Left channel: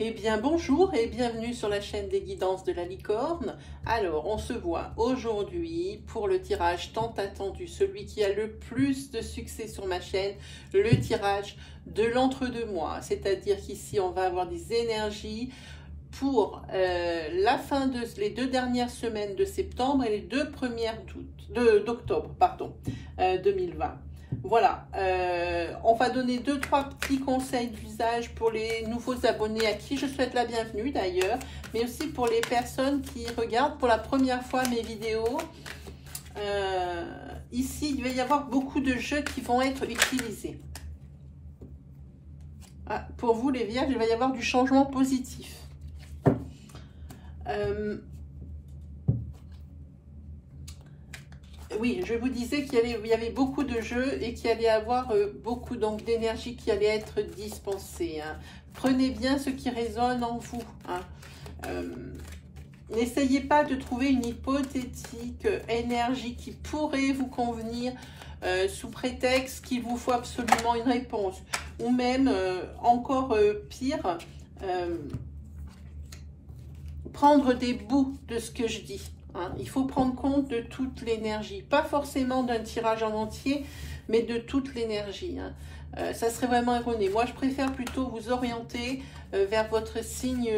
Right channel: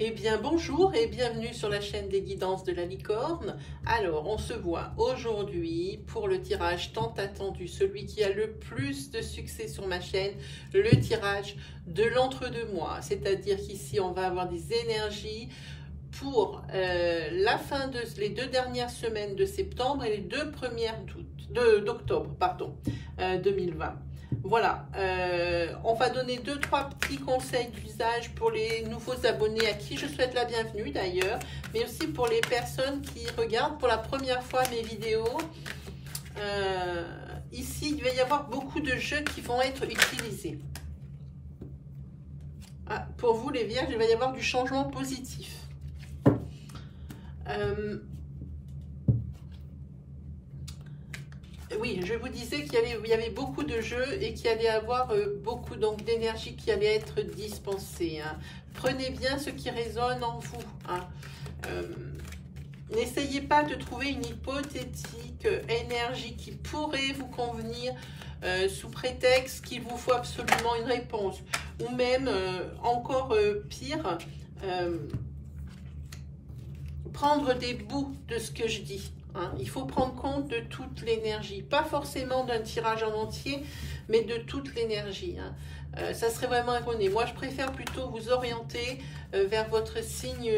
Eh bien bonjour et bienvenue sur la chaîne des guidances de la licorne. Alors on se voit aujourd'hui pour le tirage tant attendu, celui qui a le plus de succès sur ma chaîne, le tirage de l'entre-deux-mois. C'est-à-dire qu'ici on va avoir des énergies pour la fin de les 2 dernières semaines de septembre et les 2 premières d'octobre 2020. Voilà, on va donner 2-3 petits conseils d'usage pour les nouveaux abonnés à qui je souhaite la bienvenue d'ailleurs, mais aussi pour les personnes qui regardent pour la première fois mes vidéos. Ici, il va y avoir beaucoup de jeux qui vont être utilisés. Ah, pour vous les vierges, il va y avoir du changement positif. Oui, je vous disais qu'il y avait beaucoup de jeux et qu'il allait y avoir beaucoup d'énergie qui allait être dispensée. Hein. Prenez bien ce qui résonne en vous. Hein. N'essayez pas de trouver une hypothétique énergie qui pourrait vous convenir sous prétexte qu'il vous faut absolument une réponse. Ou même, encore pire, prendre des bouts de ce que je dis. Hein. Il faut prendre compte de toute l'énergie, pas forcément d'un tirage en entier, mais de toute l'énergie. Hein. Ça serait vraiment erroné. Moi, je préfère plutôt vous orienter vers votre signe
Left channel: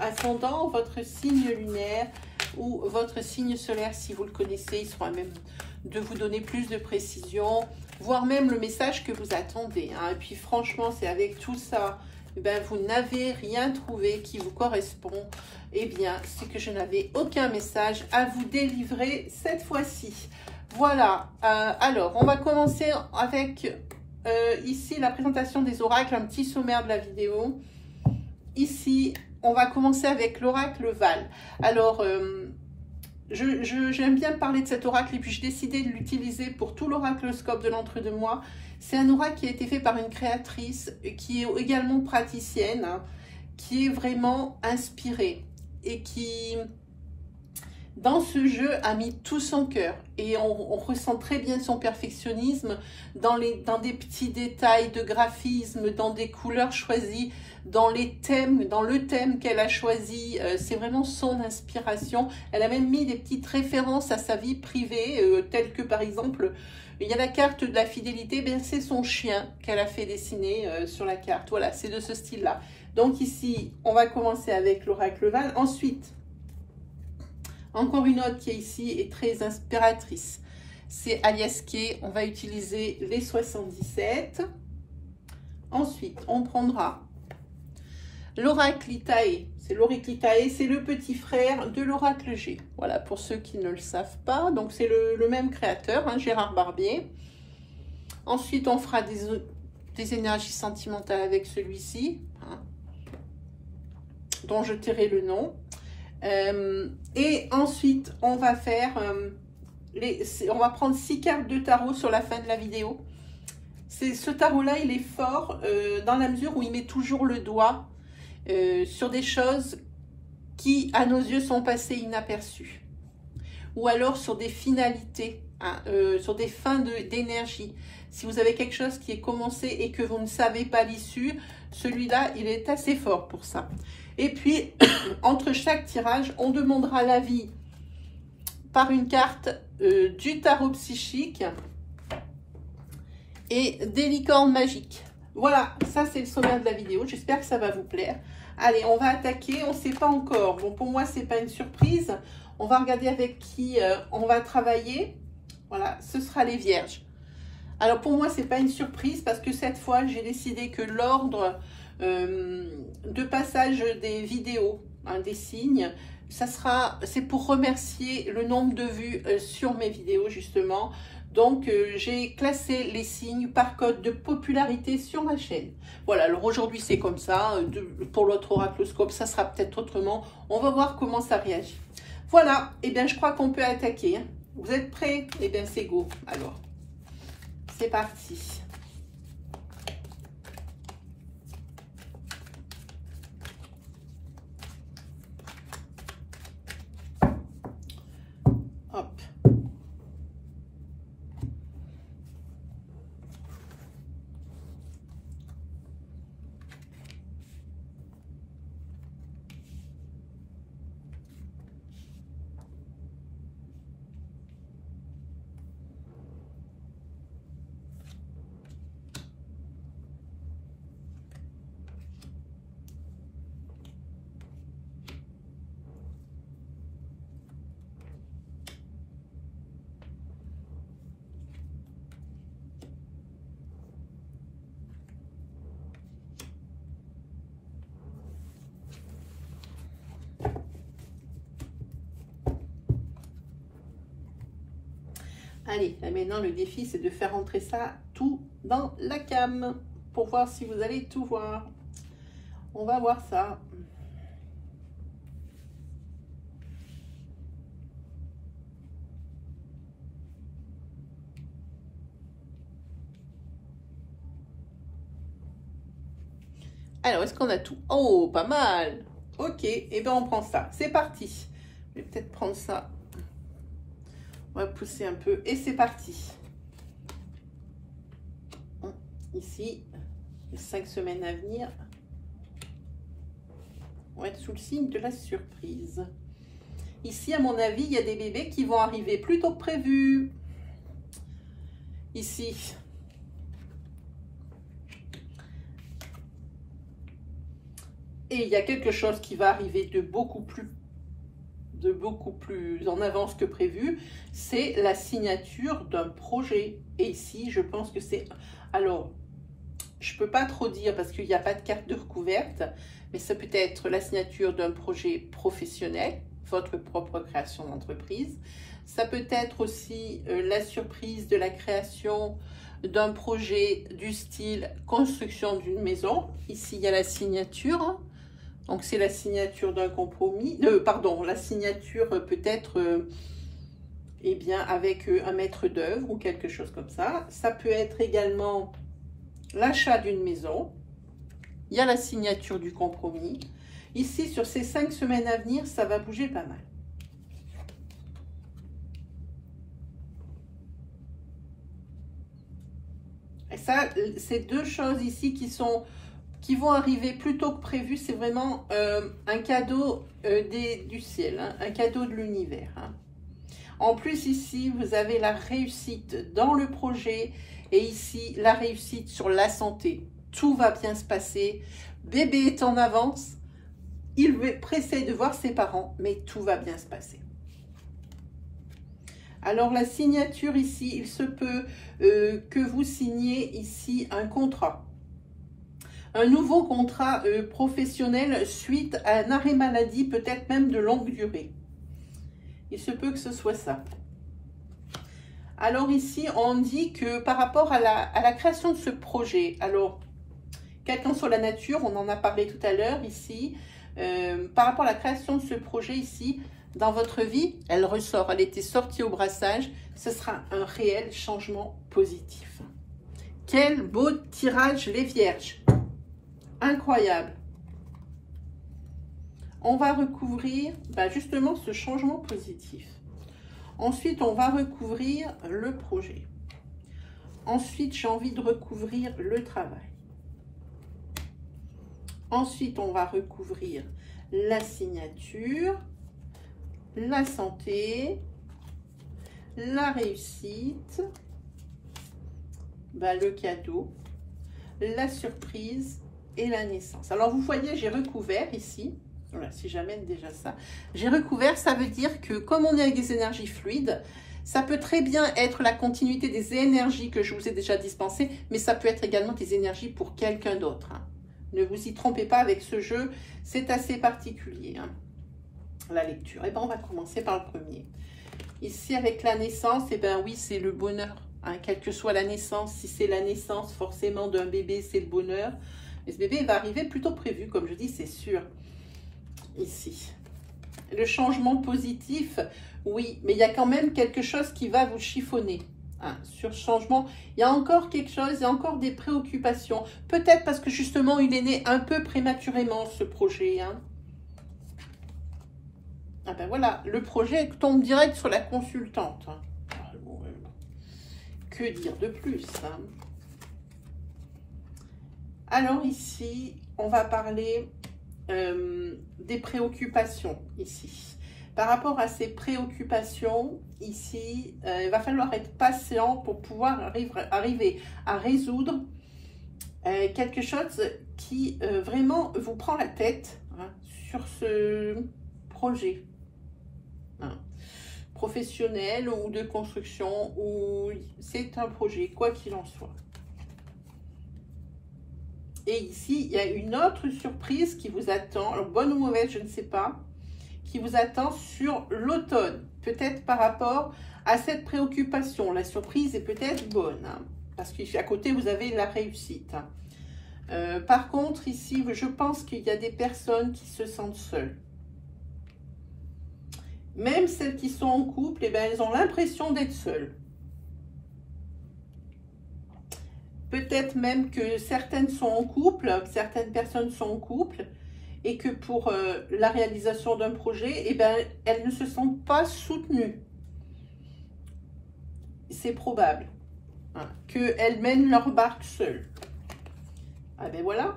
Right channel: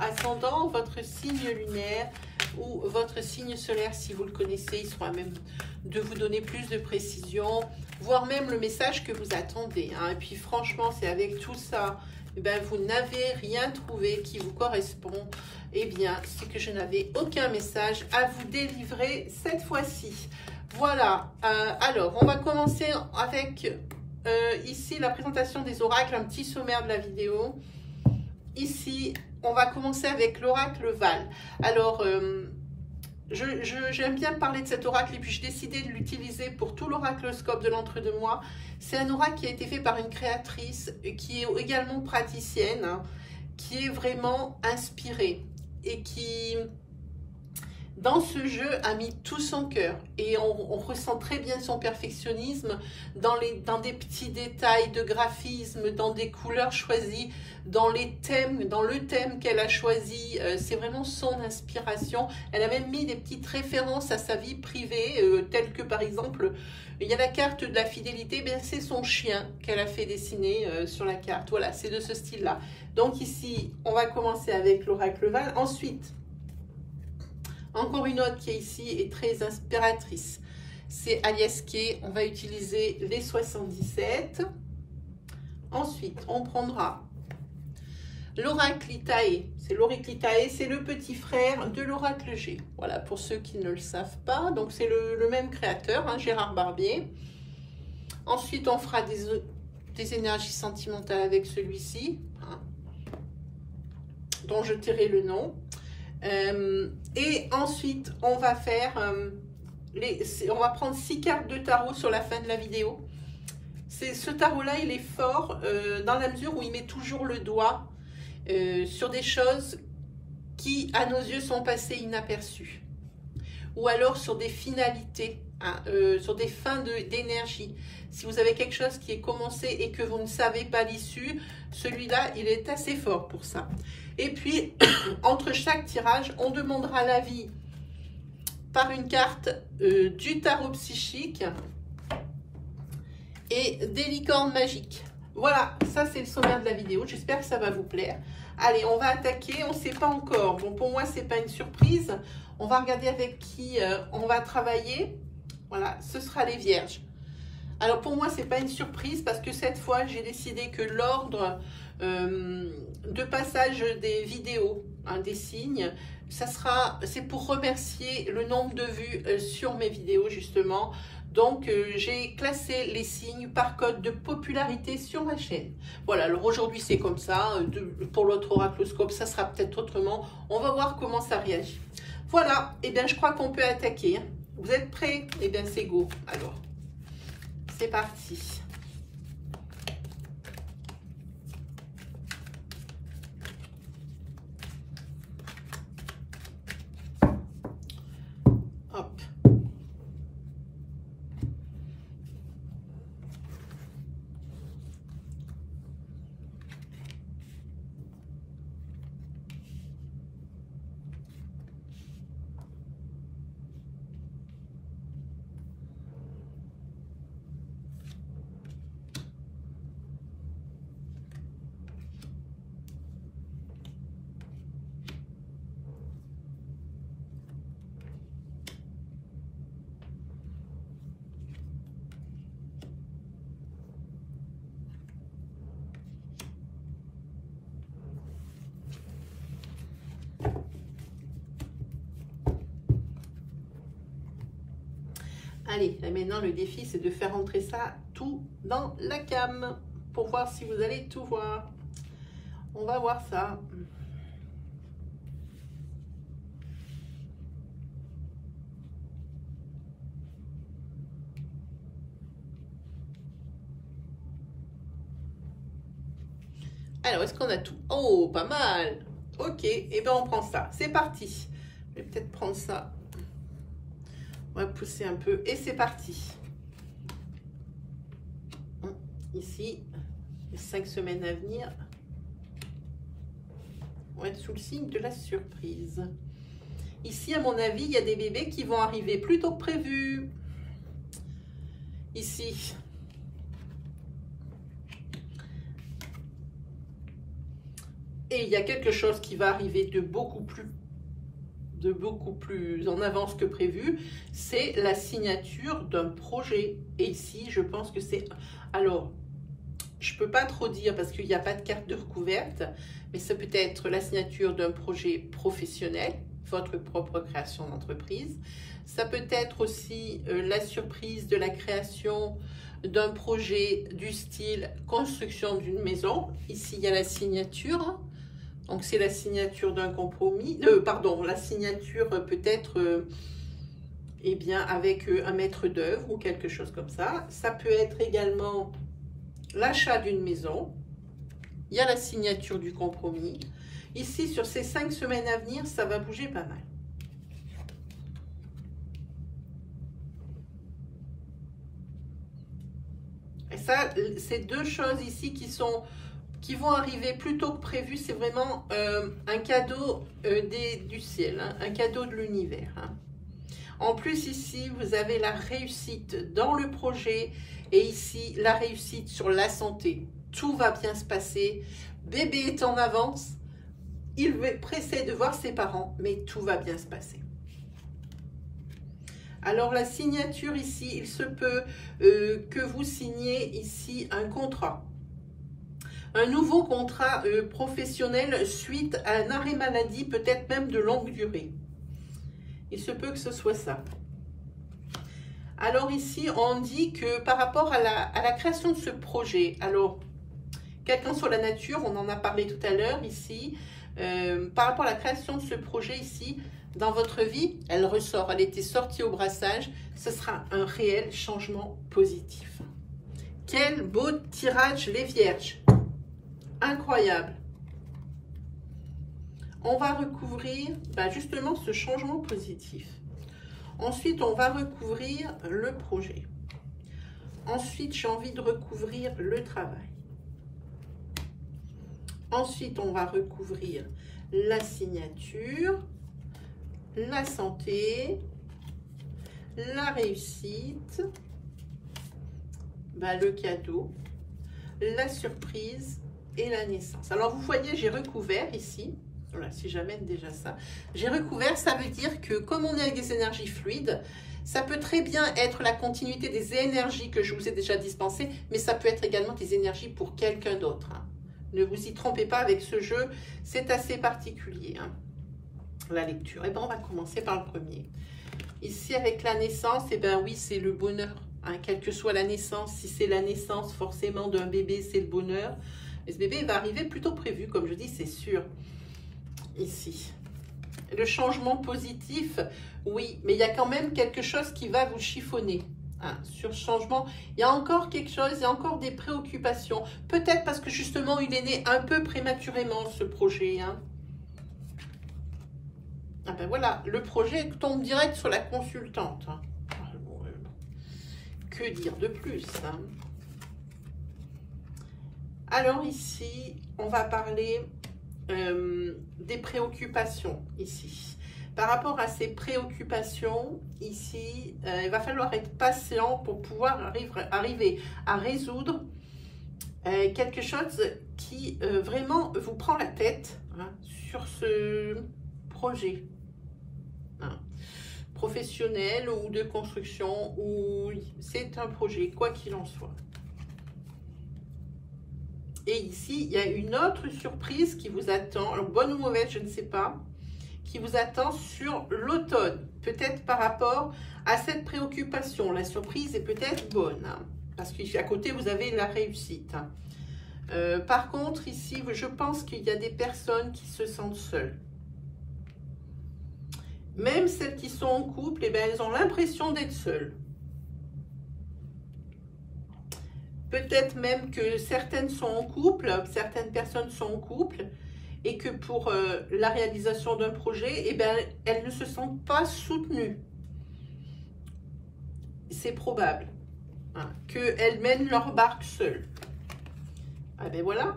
ascendant, votre signe lunaire ou votre signe solaire, si vous le connaissez. Il sera même de vous donner plus de précision, voire même le message que vous attendez. Hein. Et puis, franchement, c'est avec tout ça, ben, vous n'avez rien trouvé qui vous correspond. Eh bien, c'est que je n'avais aucun message à vous délivrer cette fois-ci. Voilà, alors, on va commencer avec ici la présentation des oracles, un petit sommaire de la vidéo. Ici, on va commencer avec l'oracle Val. Alors, j'aime bien parler de cet oracle et puis j'ai décidé de l'utiliser pour tout l'oracloscope de l'entre-deux-mois. C'est un oracle qui a été fait par une créatrice qui est également praticienne, hein, qui est vraiment inspirée et qui, dans ce jeu, a mis tout son cœur. Et on ressent très bien son perfectionnisme dans des petits détails de graphisme, dans des couleurs choisies, dans les thèmes, dans le thème qu'elle a choisi. C'est vraiment son inspiration. Elle a même mis des petites références à sa vie privée, telles que par exemple, il y a la carte de la fidélité, bien c'est son chien qu'elle a fait dessiner sur la carte. Voilà, c'est de ce style-là. Donc ici, on va commencer avec l'oracle Val. Ensuite, encore une autre qui est ici et très inspiratrice. C'est Alias Kay. On va utiliser les 77. Ensuite, on prendra l'oracle Itae. C'est l'oracle Itae, c'est le petit frère de l'oracle G. Voilà, pour ceux qui ne le savent pas. Donc, c'est le même créateur, hein, Gérard Barbier. Ensuite, on fera des énergies sentimentales avec celui-ci, hein, dont je tairai le nom. Et ensuite, on va faire, on va prendre 6 cartes de tarot sur la fin de la vidéo. Ce tarot-là, il est fort dans la mesure où il met toujours le doigt sur des choses qui, à nos yeux, sont passées inaperçues. Ou alors sur des finalités, hein, sur des fins d'énergie. Si vous avez quelque chose qui est commencé et que vous ne savez pas l'issue, celui-là, il est assez fort pour ça. Et puis, entre chaque tirage, on demandera l'avis par une carte du tarot psychique et des licornes magiques. Voilà, ça c'est le sommaire de la vidéo. J'espère que ça va vous plaire. Allez, on va attaquer. On ne sait pas encore. Bon, pour moi, c'est pas une surprise. On va regarder avec qui on va travailler. Voilà, ce sera les vierges. Alors, pour moi, c'est pas une surprise parce que cette fois, j'ai décidé que l'ordre de passage des vidéos, hein, des signes, c'est pour remercier le nombre de vues sur mes vidéos justement. Donc j'ai classé les signes par code de popularité sur ma chaîne. Voilà, alors aujourd'hui c'est comme ça, pour l'autre oracloscope ça sera peut-être autrement, on va voir comment ça réagit. Voilà, et bien je crois qu'on peut attaquer. Hein. Vous êtes prêts? Et bien c'est go, alors c'est parti. Hop. Allez, là maintenant le défi c'est de faire rentrer ça tout dans la cam pour voir si vous allez tout voir. On va voir ça. Alors, est-ce qu'on a tout? Oh, pas mal. Ok, et bien on prend ça. C'est parti. Je vais peut-être prendre ça. On va pousser un peu et c'est parti. Ici, les 5 semaines à venir, on va être sous le signe de la surprise. Ici, à mon avis, il y a des bébés qui vont arriver plus tôt que prévu. Ici. Et il y a quelque chose qui va arriver de beaucoup plus en avance que prévu, c'est la signature d'un projet. Et ici, je pense que c'est... Alors, je ne peux pas trop dire parce qu'il n'y a pas de carte de recouverte, mais ça peut être la signature d'un projet professionnel, votre propre création d'entreprise. Ça peut être aussi la surprise de la création d'un projet du style construction d'une maison. Ici, il y a la signature. Donc, c'est la signature d'un compromis, pardon, la signature peut-être eh bien, avec un maître d'œuvre ou quelque chose comme ça. Ça peut être également l'achat d'une maison. Il y a la signature du compromis. Ici, sur ces 5 semaines à venir, ça va bouger pas mal. Et ça, c'est deux choses ici qui vont arriver plus tôt que prévu. C'est vraiment un cadeau du ciel, hein, un cadeau de l'univers. Hein. En plus, ici, vous avez la réussite dans le projet et ici, la réussite sur la santé. Tout va bien se passer. Bébé est en avance. Il est pressé de voir ses parents, mais tout va bien se passer. Alors, la signature ici, il se peut que vous signiez ici un contrat. Un nouveau contrat professionnel suite à un arrêt maladie, peut-être même de longue durée. Il se peut que ce soit ça. Alors ici, on dit que par rapport à la création de ce projet, alors, quelqu'un sur la nature, on en a parlé tout à l'heure ici, par rapport à la création de ce projet ici, dans votre vie, elle ressort, elle était sortie au brassage, ce sera un réel changement positif. Quel beau tirage les vierges! Incroyable. On va recouvrir justement ce changement positif. Ensuite, on va recouvrir le projet. Ensuite, j'ai envie de recouvrir le travail. Ensuite, on va recouvrir la signature, la santé, la réussite, le cadeau, la surprise et la naissance. Alors, vous voyez, j'ai recouvert ici. Voilà, si j'amène déjà ça. J'ai recouvert, ça veut dire que comme on est avec des énergies fluides, ça peut très bien être la continuité des énergies que je vous ai déjà dispensées, mais ça peut être également des énergies pour quelqu'un d'autre. Hein. Ne vous y trompez pas avec ce jeu, c'est assez particulier, hein, la lecture. Et bien, on va commencer par le premier. Ici, avec la naissance, et bien oui, c'est le bonheur. Hein, quelle que soit la naissance, si c'est la naissance forcément d'un bébé, c'est le bonheur. Mais ce bébé va arriver plus tôt que prévu, comme je dis, c'est sûr. Ici. Le changement positif, oui, mais il y a quand même quelque chose qui va vous chiffonner. Hein, sur ce changement, il y a encore quelque chose, il y a encore des préoccupations. Peut-être parce que justement, il est né un peu prématurément, ce projet. Hein. Ah ben voilà, le projet tombe direct sur la consultante. Hein. Que dire de plus, hein? Alors ici, on va parler des préoccupations ici. Par rapport à ces préoccupations ici, il va falloir être patient pour pouvoir arriver à résoudre quelque chose qui vraiment vous prend la tête, hein, sur ce projet. Hein, professionnel ou de construction, ou c'est un projet, quoi qu'il en soit. Et ici, il y a une autre surprise qui vous attend, alors bonne ou mauvaise, je ne sais pas, qui vous attend sur l'automne. Peut-être par rapport À cette préoccupation, la surprise est peut-être bonne, hein, parce qu'à côté, vous avez la réussite. Par contre, ici, je pense qu'il y a des personnes qui se sentent seules. Même celles qui sont en couple, eh bien, elles ont l'impression d'être seules. Peut-être même que certaines sont en couple, certaines personnes sont en couple, et que pour la réalisation d'un projet, eh bien, elles ne se sentent pas soutenues. C'est probable, hein, qu'elles mènent leur barque seules. Ah ben voilà,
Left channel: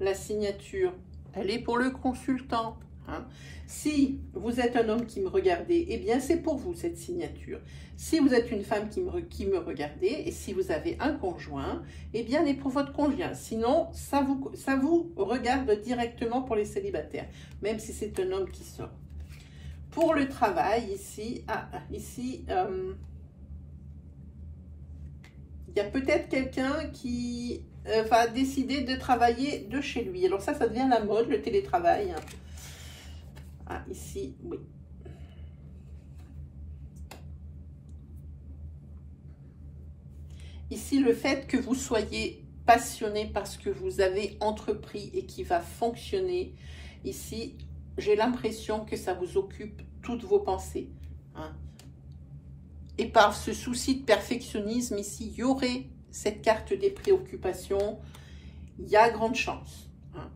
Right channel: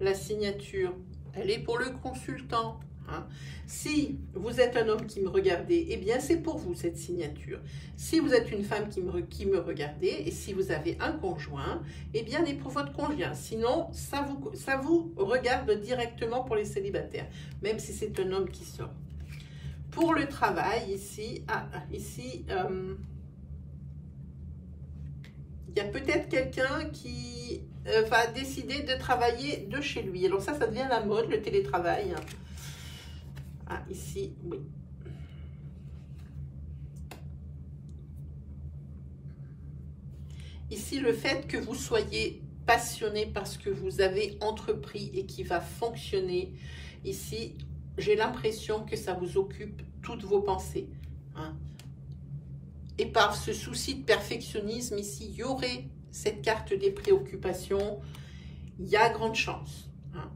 la signature, elle est pour le consultant. Hein. Si vous êtes un homme qui me regardez, eh bien c'est pour vous cette signature. Si vous êtes une femme qui me regardez, et si vous avez un conjoint, eh bien elle est pour votre conjoint. Sinon, ça vous regarde directement pour les célibataires, même si c'est un homme qui sort. Pour le travail, ici, il y a peut-être quelqu'un qui va décider de travailler de chez lui. Alors ça devient la mode, le télétravail. Ah, ici, oui. Ici, le fait que vous soyez passionné par ce que vous avez entrepris et qui va fonctionner, ici, j'ai l'impression que ça vous occupe toutes vos pensées. Hein. Et par ce souci de perfectionnisme, ici, il y aurait cette carte des préoccupations. Il y a grande chance. Hein.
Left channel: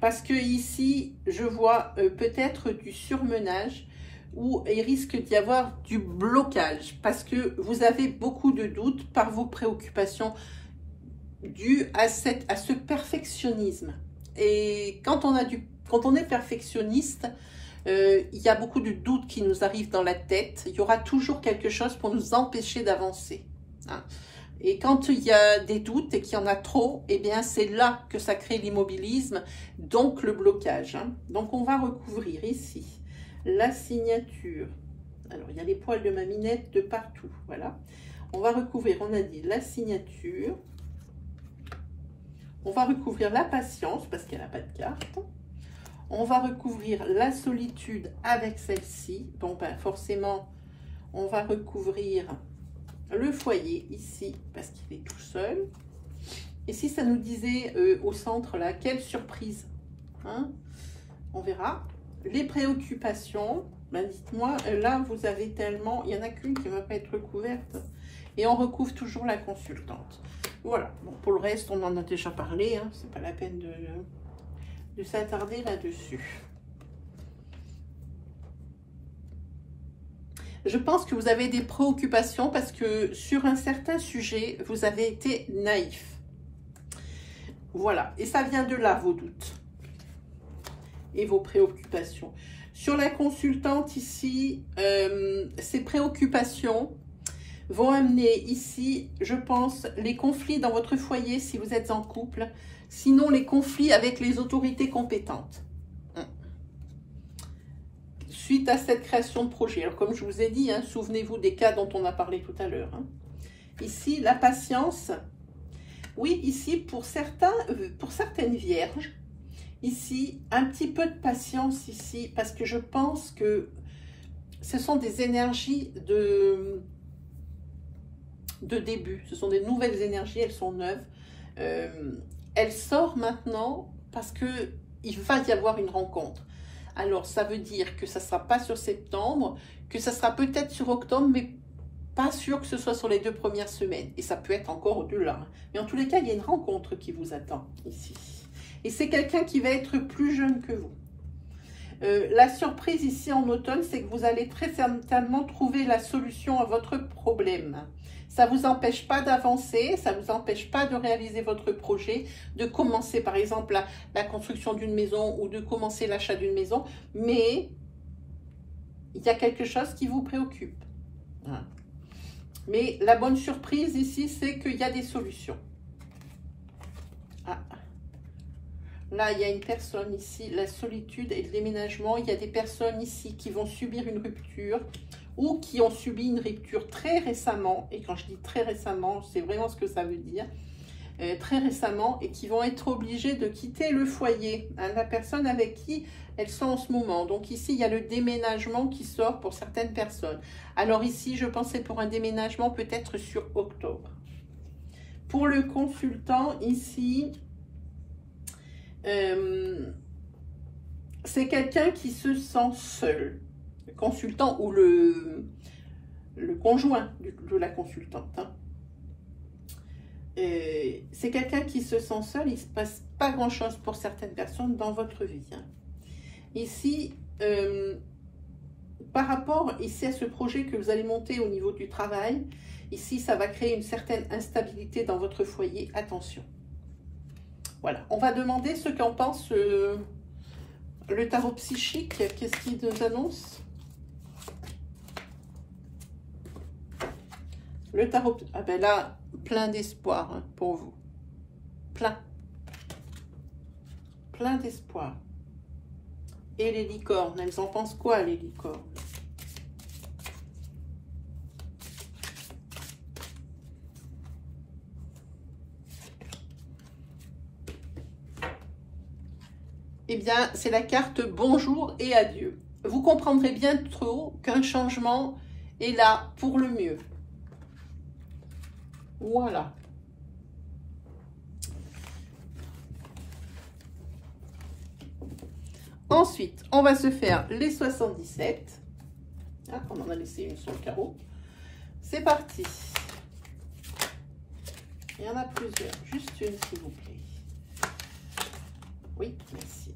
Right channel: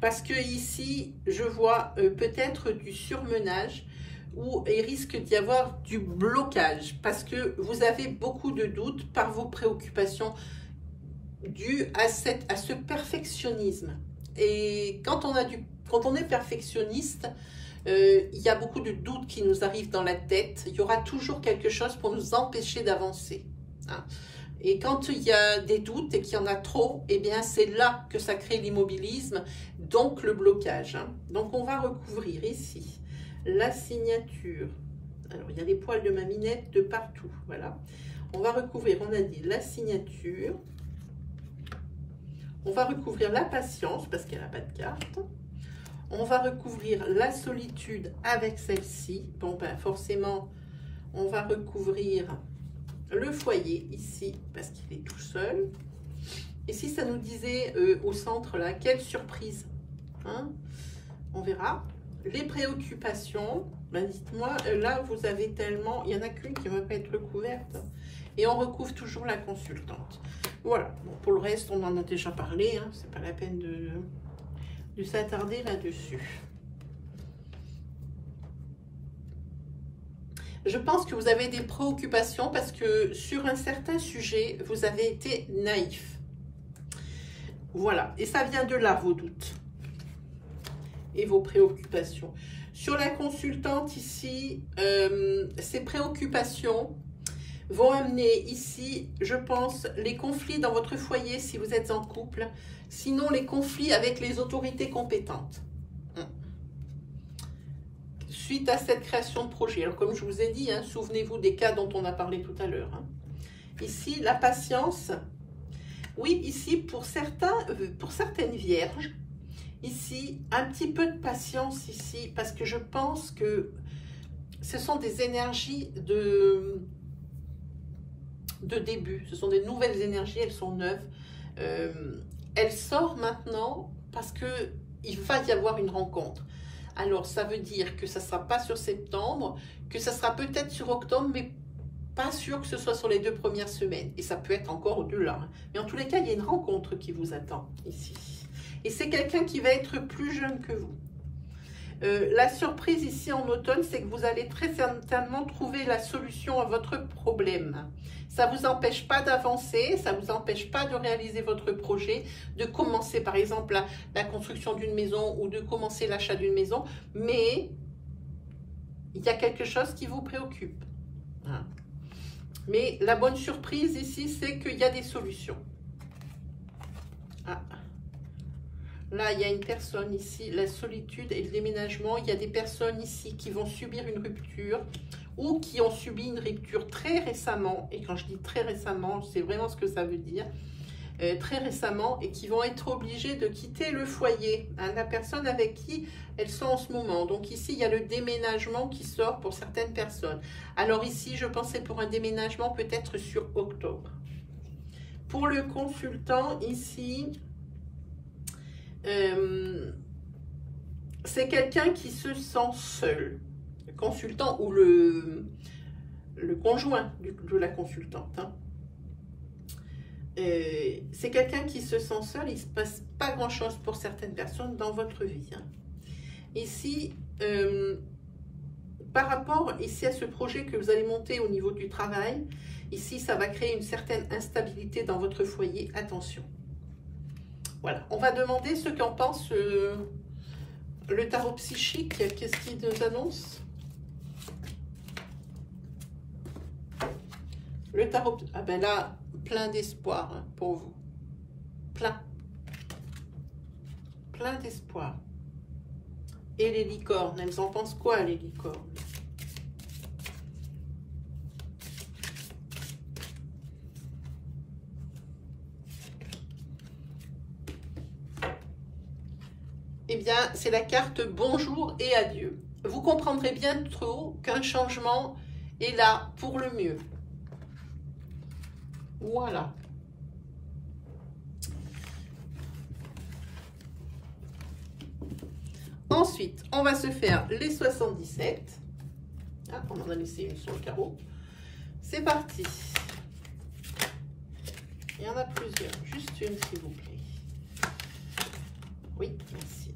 Parce que ici, je vois peut-être du surmenage où il risque d'y avoir du blocage. Parce que vous avez beaucoup de doutes par vos préoccupations dues à ce perfectionnisme. Et quand on est perfectionniste, il y a beaucoup de doutes qui nous arrivent dans la tête. Il y aura toujours quelque chose pour nous empêcher d'avancer. Hein. Et quand il y a des doutes et qu'il y en a trop, eh bien c'est là que ça crée l'immobilisme, donc le blocage. Hein. Donc on va recouvrir ici la signature. Alors il y a les poils de ma minette de partout, voilà. On va recouvrir, on a dit la signature. On va recouvrir la patience parce qu'elle n'a pas de carte. On va recouvrir la solitude avec celle-ci. Bon, ben forcément, on va recouvrir le foyer ici parce qu'il est tout seul. Et si ça nous disait au centre là, quelle surprise, hein, on verra. Les préoccupations, ben dites-moi, là vous avez tellement, il n'y en a qu'une qui ne va pas être recouverte. Et on recouvre toujours la consultante. Voilà, donc pour le reste, on en a déjà parlé, hein, c'est pas la peine de s'attarder là-dessus. Je pense que vous avez des préoccupations parce que sur un certain sujet, vous avez été naïf. Voilà, et ça vient de là, vos doutes et vos préoccupations. Sur la consultante ici, ces préoccupations vont amener ici, je pense, les conflits dans votre foyer si vous êtes en couple, sinon les conflits avec les autorités compétentes. Suite à cette création de projet. Alors comme je vous ai dit, hein, souvenez-vous des cas dont on a parlé tout à l'heure. Hein. Ici, la patience. Oui, ici, pour certaines vierges, ici, un petit peu de patience ici, parce que je pense que ce sont des énergies de début. Ce sont des nouvelles énergies, elles sont neuves. Elle sort maintenant parce qu'il va y avoir une rencontre. Alors, ça veut dire que ça ne sera pas sur septembre, que ça sera peut-être sur octobre, mais pas sûr que ce soit sur les 2 premières semaines. Et ça peut être encore au-delà. Mais en tous les cas, il y a une rencontre qui vous attend ici. Et c'est quelqu'un qui va être plus jeune que vous. La surprise ici en automne, c'est que vous allez très certainement trouver la solution à votre problème. Ça ne vous empêche pas d'avancer, ça ne vous empêche pas de réaliser votre projet, de commencer par exemple la construction d'une maison ou de commencer l'achat d'une maison, mais il y a quelque chose qui vous préoccupe. Hein. Mais la bonne surprise ici, c'est qu'il y a des solutions. Ah. Là, il y a une personne ici, la solitude et le déménagement. Il y a des personnes ici qui vont subir une rupture ou qui ont subi une rupture très récemment. Et quand je dis très récemment, c'est vraiment ce que ça veut dire. très récemment et qui vont être obligées de quitter le foyer, hein, la personne avec qui elles sont en ce moment. Donc ici, il y a le déménagement qui sort pour certaines personnes. Alors ici, je pensais pour un déménagement peut-être sur octobre. Pour le consultant, ici, c'est quelqu'un qui se sent seul. Le consultant ou le conjoint de la consultante. Hein. C'est quelqu'un qui se sent seul. Il ne se passe pas grand-chose pour certaines personnes dans votre vie. Hein. Ici, par rapport ici à ce projet que vous allez monter au niveau du travail, ici, ça va créer une certaine instabilité dans votre foyer. Attention. Voilà. On va demander ce qu'en pense le tarot psychique. Qu'est-ce qu'il nous annonce? Le tarot, ah ben là, plein d'espoir hein, pour vous. Plein. Plein d'espoir. Et les licornes, elles en pensent quoi, les licornes? Eh bien, c'est la carte bonjour et adieu. Vous comprendrez bientôt qu'un changement est là pour le mieux. Voilà. Ensuite, on va se faire les 77. Ah, on en a laissé une sur le carreau. C'est parti. Il y en a plusieurs. Juste une, s'il vous plaît. Oui, merci.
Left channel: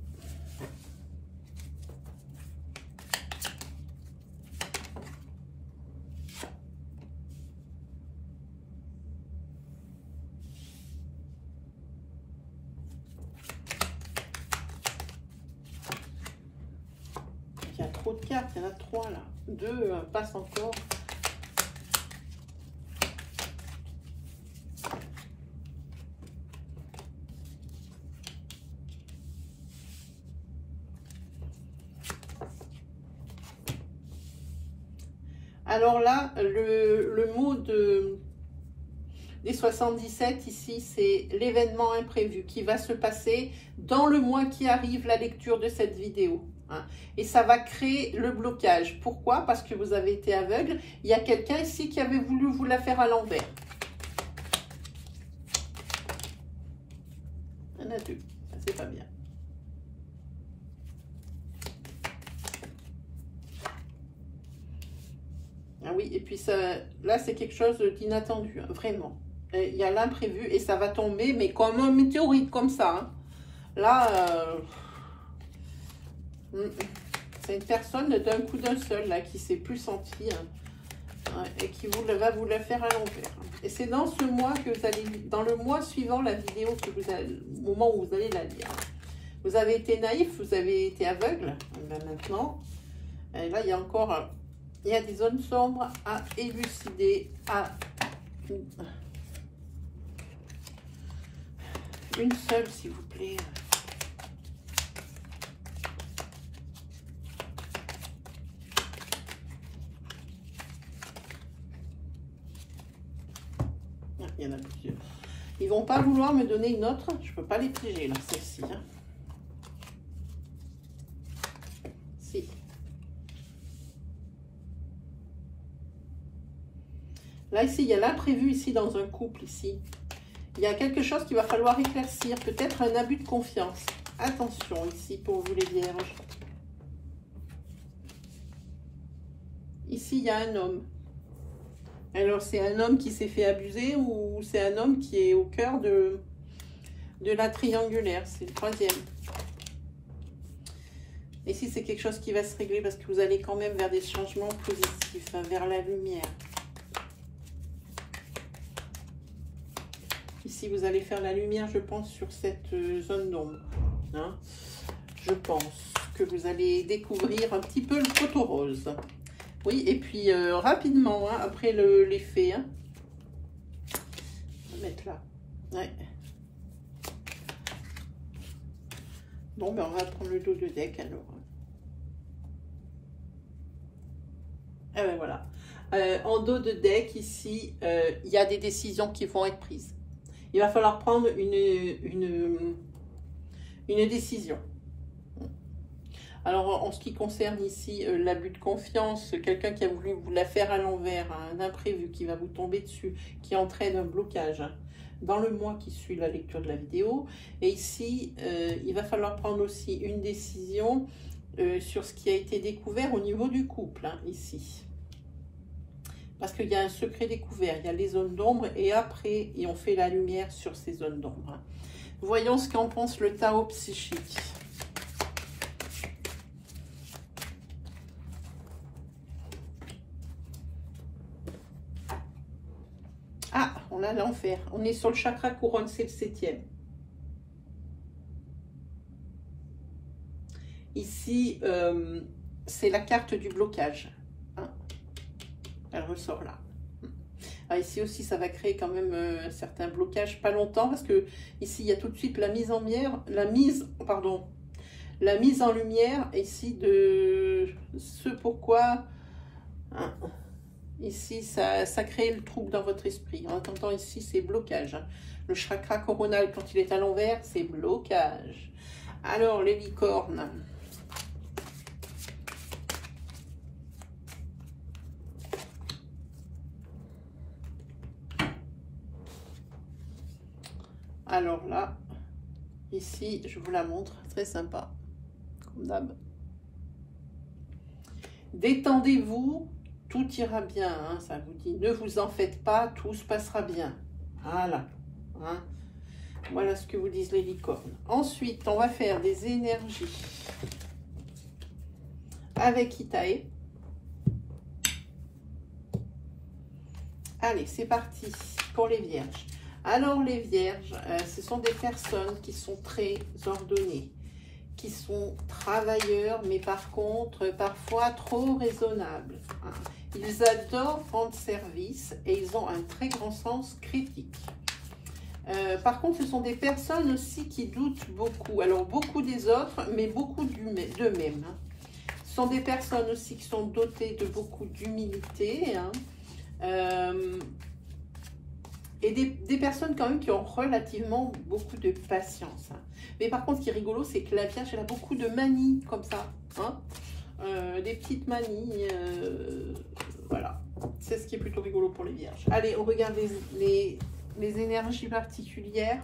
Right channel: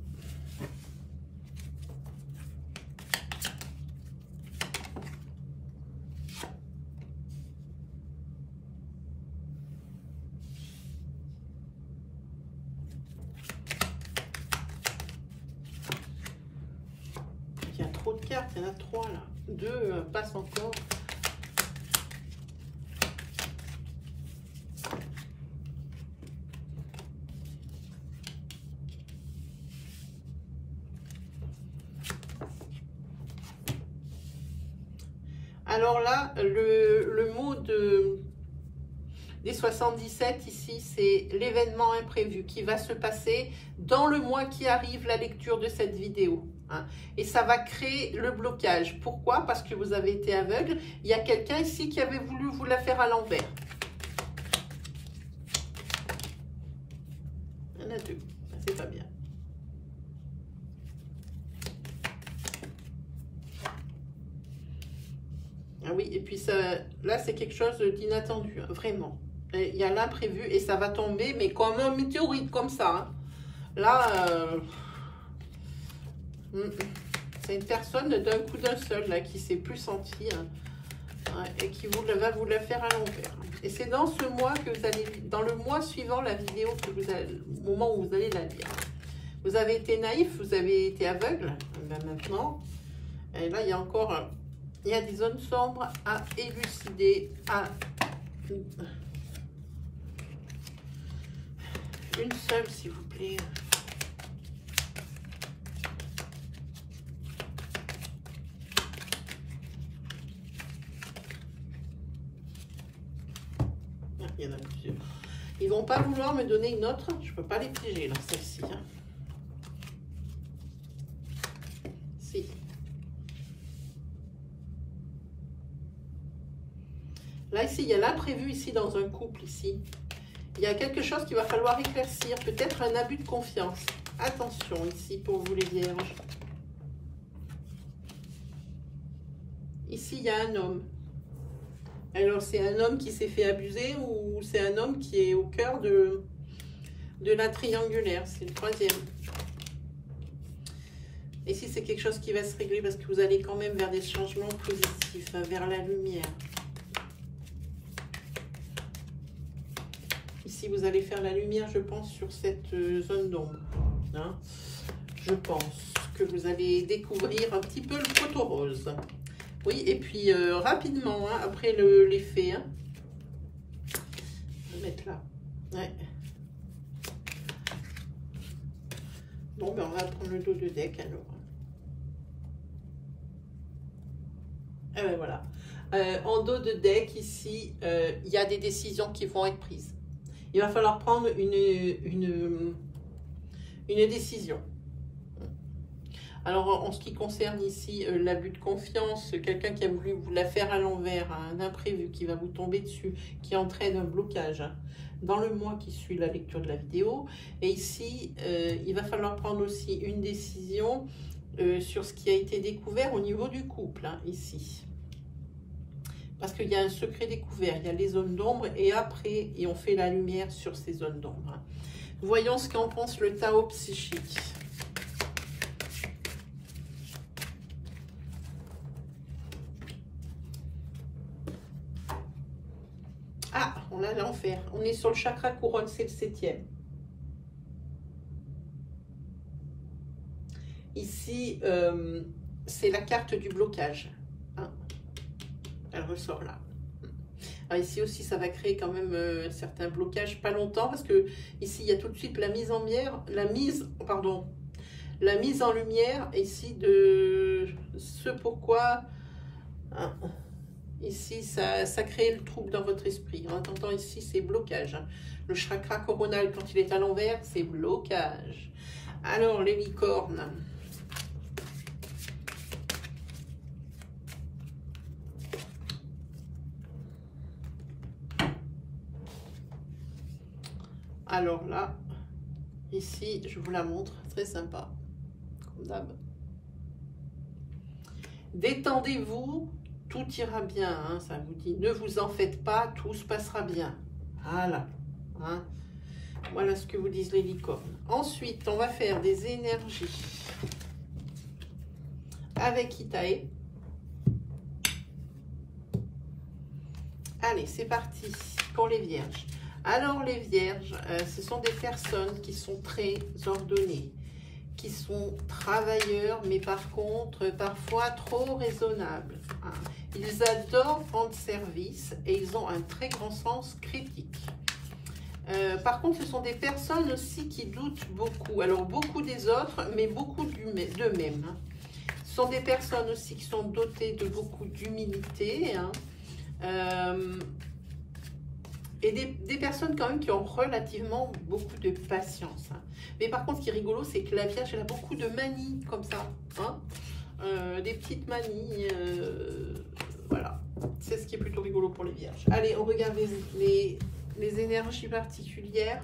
Il y a trop de cartes, il y en a 3 là. 2 passent encore. Alors là, le mot des 77 ici, c'est l'événement imprévu qui va se passer dans le mois qui arrive, la lecture de cette vidéo. Hein. Et ça va créer le blocage. Pourquoi? Parce que vous avez été aveugle. Il y a quelqu'un ici qui avait voulu vous la faire à l'envers. Il y en a 2. C'est pas bien. Ah oui, et puis ça, là, c'est quelque chose d'inattendu, hein, vraiment. Et il y a l'imprévu et ça va tomber, mais comme un météorite, comme ça. Hein. Là, c'est une personne d'un coup d'un seul, là, qui s'est plus sentie, hein, et qui va vous la faire à l'envers. Et c'est dans ce mois que vous allez, dans le mois suivant la vidéo, que vous allez, au moment où vous allez la lire. Vous avez été naïf, vous avez été aveugle, ben maintenant, et là, il y a encore... Il y a des zones sombres à élucider, une seule, s'il vous plaît. Il y en a plusieurs. Ils vont pas vouloir me donner une autre. Je peux pas les piéger, là, celle-ci. Hein. Si. Là, ici, il y a l'imprévu ici dans un couple, ici. Il y a quelque chose qu'il va falloir éclaircir. Peut-être un abus de confiance. Attention, ici, pour vous les vierges. Ici, il y a un homme. Alors, c'est un homme qui s'est fait abuser ou c'est un homme qui est au cœur de la triangulaire. C'est le 3e. Ici, c'est quelque chose qui va se régler parce que vous allez quand même vers des changements positifs, hein, vers la lumière. Ici, vous allez faire la lumière, je pense, sur cette zone d'ombre. Hein. Je pense que vous allez découvrir un petit peu le photo rose. Oui, et puis rapidement, hein, après l'effet. Hein. On va mettre là. Ouais. Bon, ben on va prendre le dos de deck alors. Ah ben voilà. En dos de deck, ici, il y a des décisions qui vont être prises. Il va falloir prendre une décision. Alors, en ce qui concerne ici l'abus de confiance, quelqu'un qui a voulu vous la faire à l'envers, un imprévu qui va vous tomber dessus, qui entraîne un blocage dans le mois qui suit la lecture de la vidéo. Et ici, il va falloir prendre aussi une décision sur ce qui a été découvert au niveau du couple, ici. Parce qu'il y a un secret découvert, il y a les zones d'ombre et après, on fait la lumière sur ces zones d'ombre. Voyons ce qu'en pense le tarot psychique. Ah, on a l'enfer. On est sur le chakra couronne, c'est le 7e. Ici, c'est la carte du blocage. Elle ressort là. Alors ici aussi, ça va créer quand même un certain blocage, pas longtemps, parce que ici, il y a tout de suite la mise en lumière, la mise en lumière ici de ce pourquoi. Ici, ça crée le trouble dans votre esprit. En entendant ici, c'est blocage. Le chakra coronal, quand il est à l'envers, c'est blocage. Alors, les licornes. Alors là, ici, je vous la montre, très sympa, comme d'hab. Détendez-vous, tout ira bien, hein, ça vous dit. Ne vous en faites pas, tout se passera bien. Voilà. Hein. Voilà ce que vous disent les licornes. Ensuite, on va faire des énergies avec Itae. Allez, c'est parti pour les vierges. Alors les vierges, ce sont des personnes qui sont très ordonnées, qui sont travailleurs, mais par contre, parfois trop raisonnables. Hein. Ils adorent rendre service et ils ont un très grand sens critique. Par contre, ce sont des personnes aussi qui doutent beaucoup. Alors, beaucoup des autres, mais beaucoup d'eux-mêmes. Hein. Ce sont des personnes aussi qui sont dotées de beaucoup d'humilité. Hein. Et des personnes quand même qui ont relativement beaucoup de patience. Hein. Mais par contre, ce qui est rigolo, c'est que la Vierge, elle a beaucoup de manies comme ça. Hein. Des petites manies. Voilà. C'est ce qui est plutôt rigolo pour les Vierges. Allez, on regarde les énergies particulières.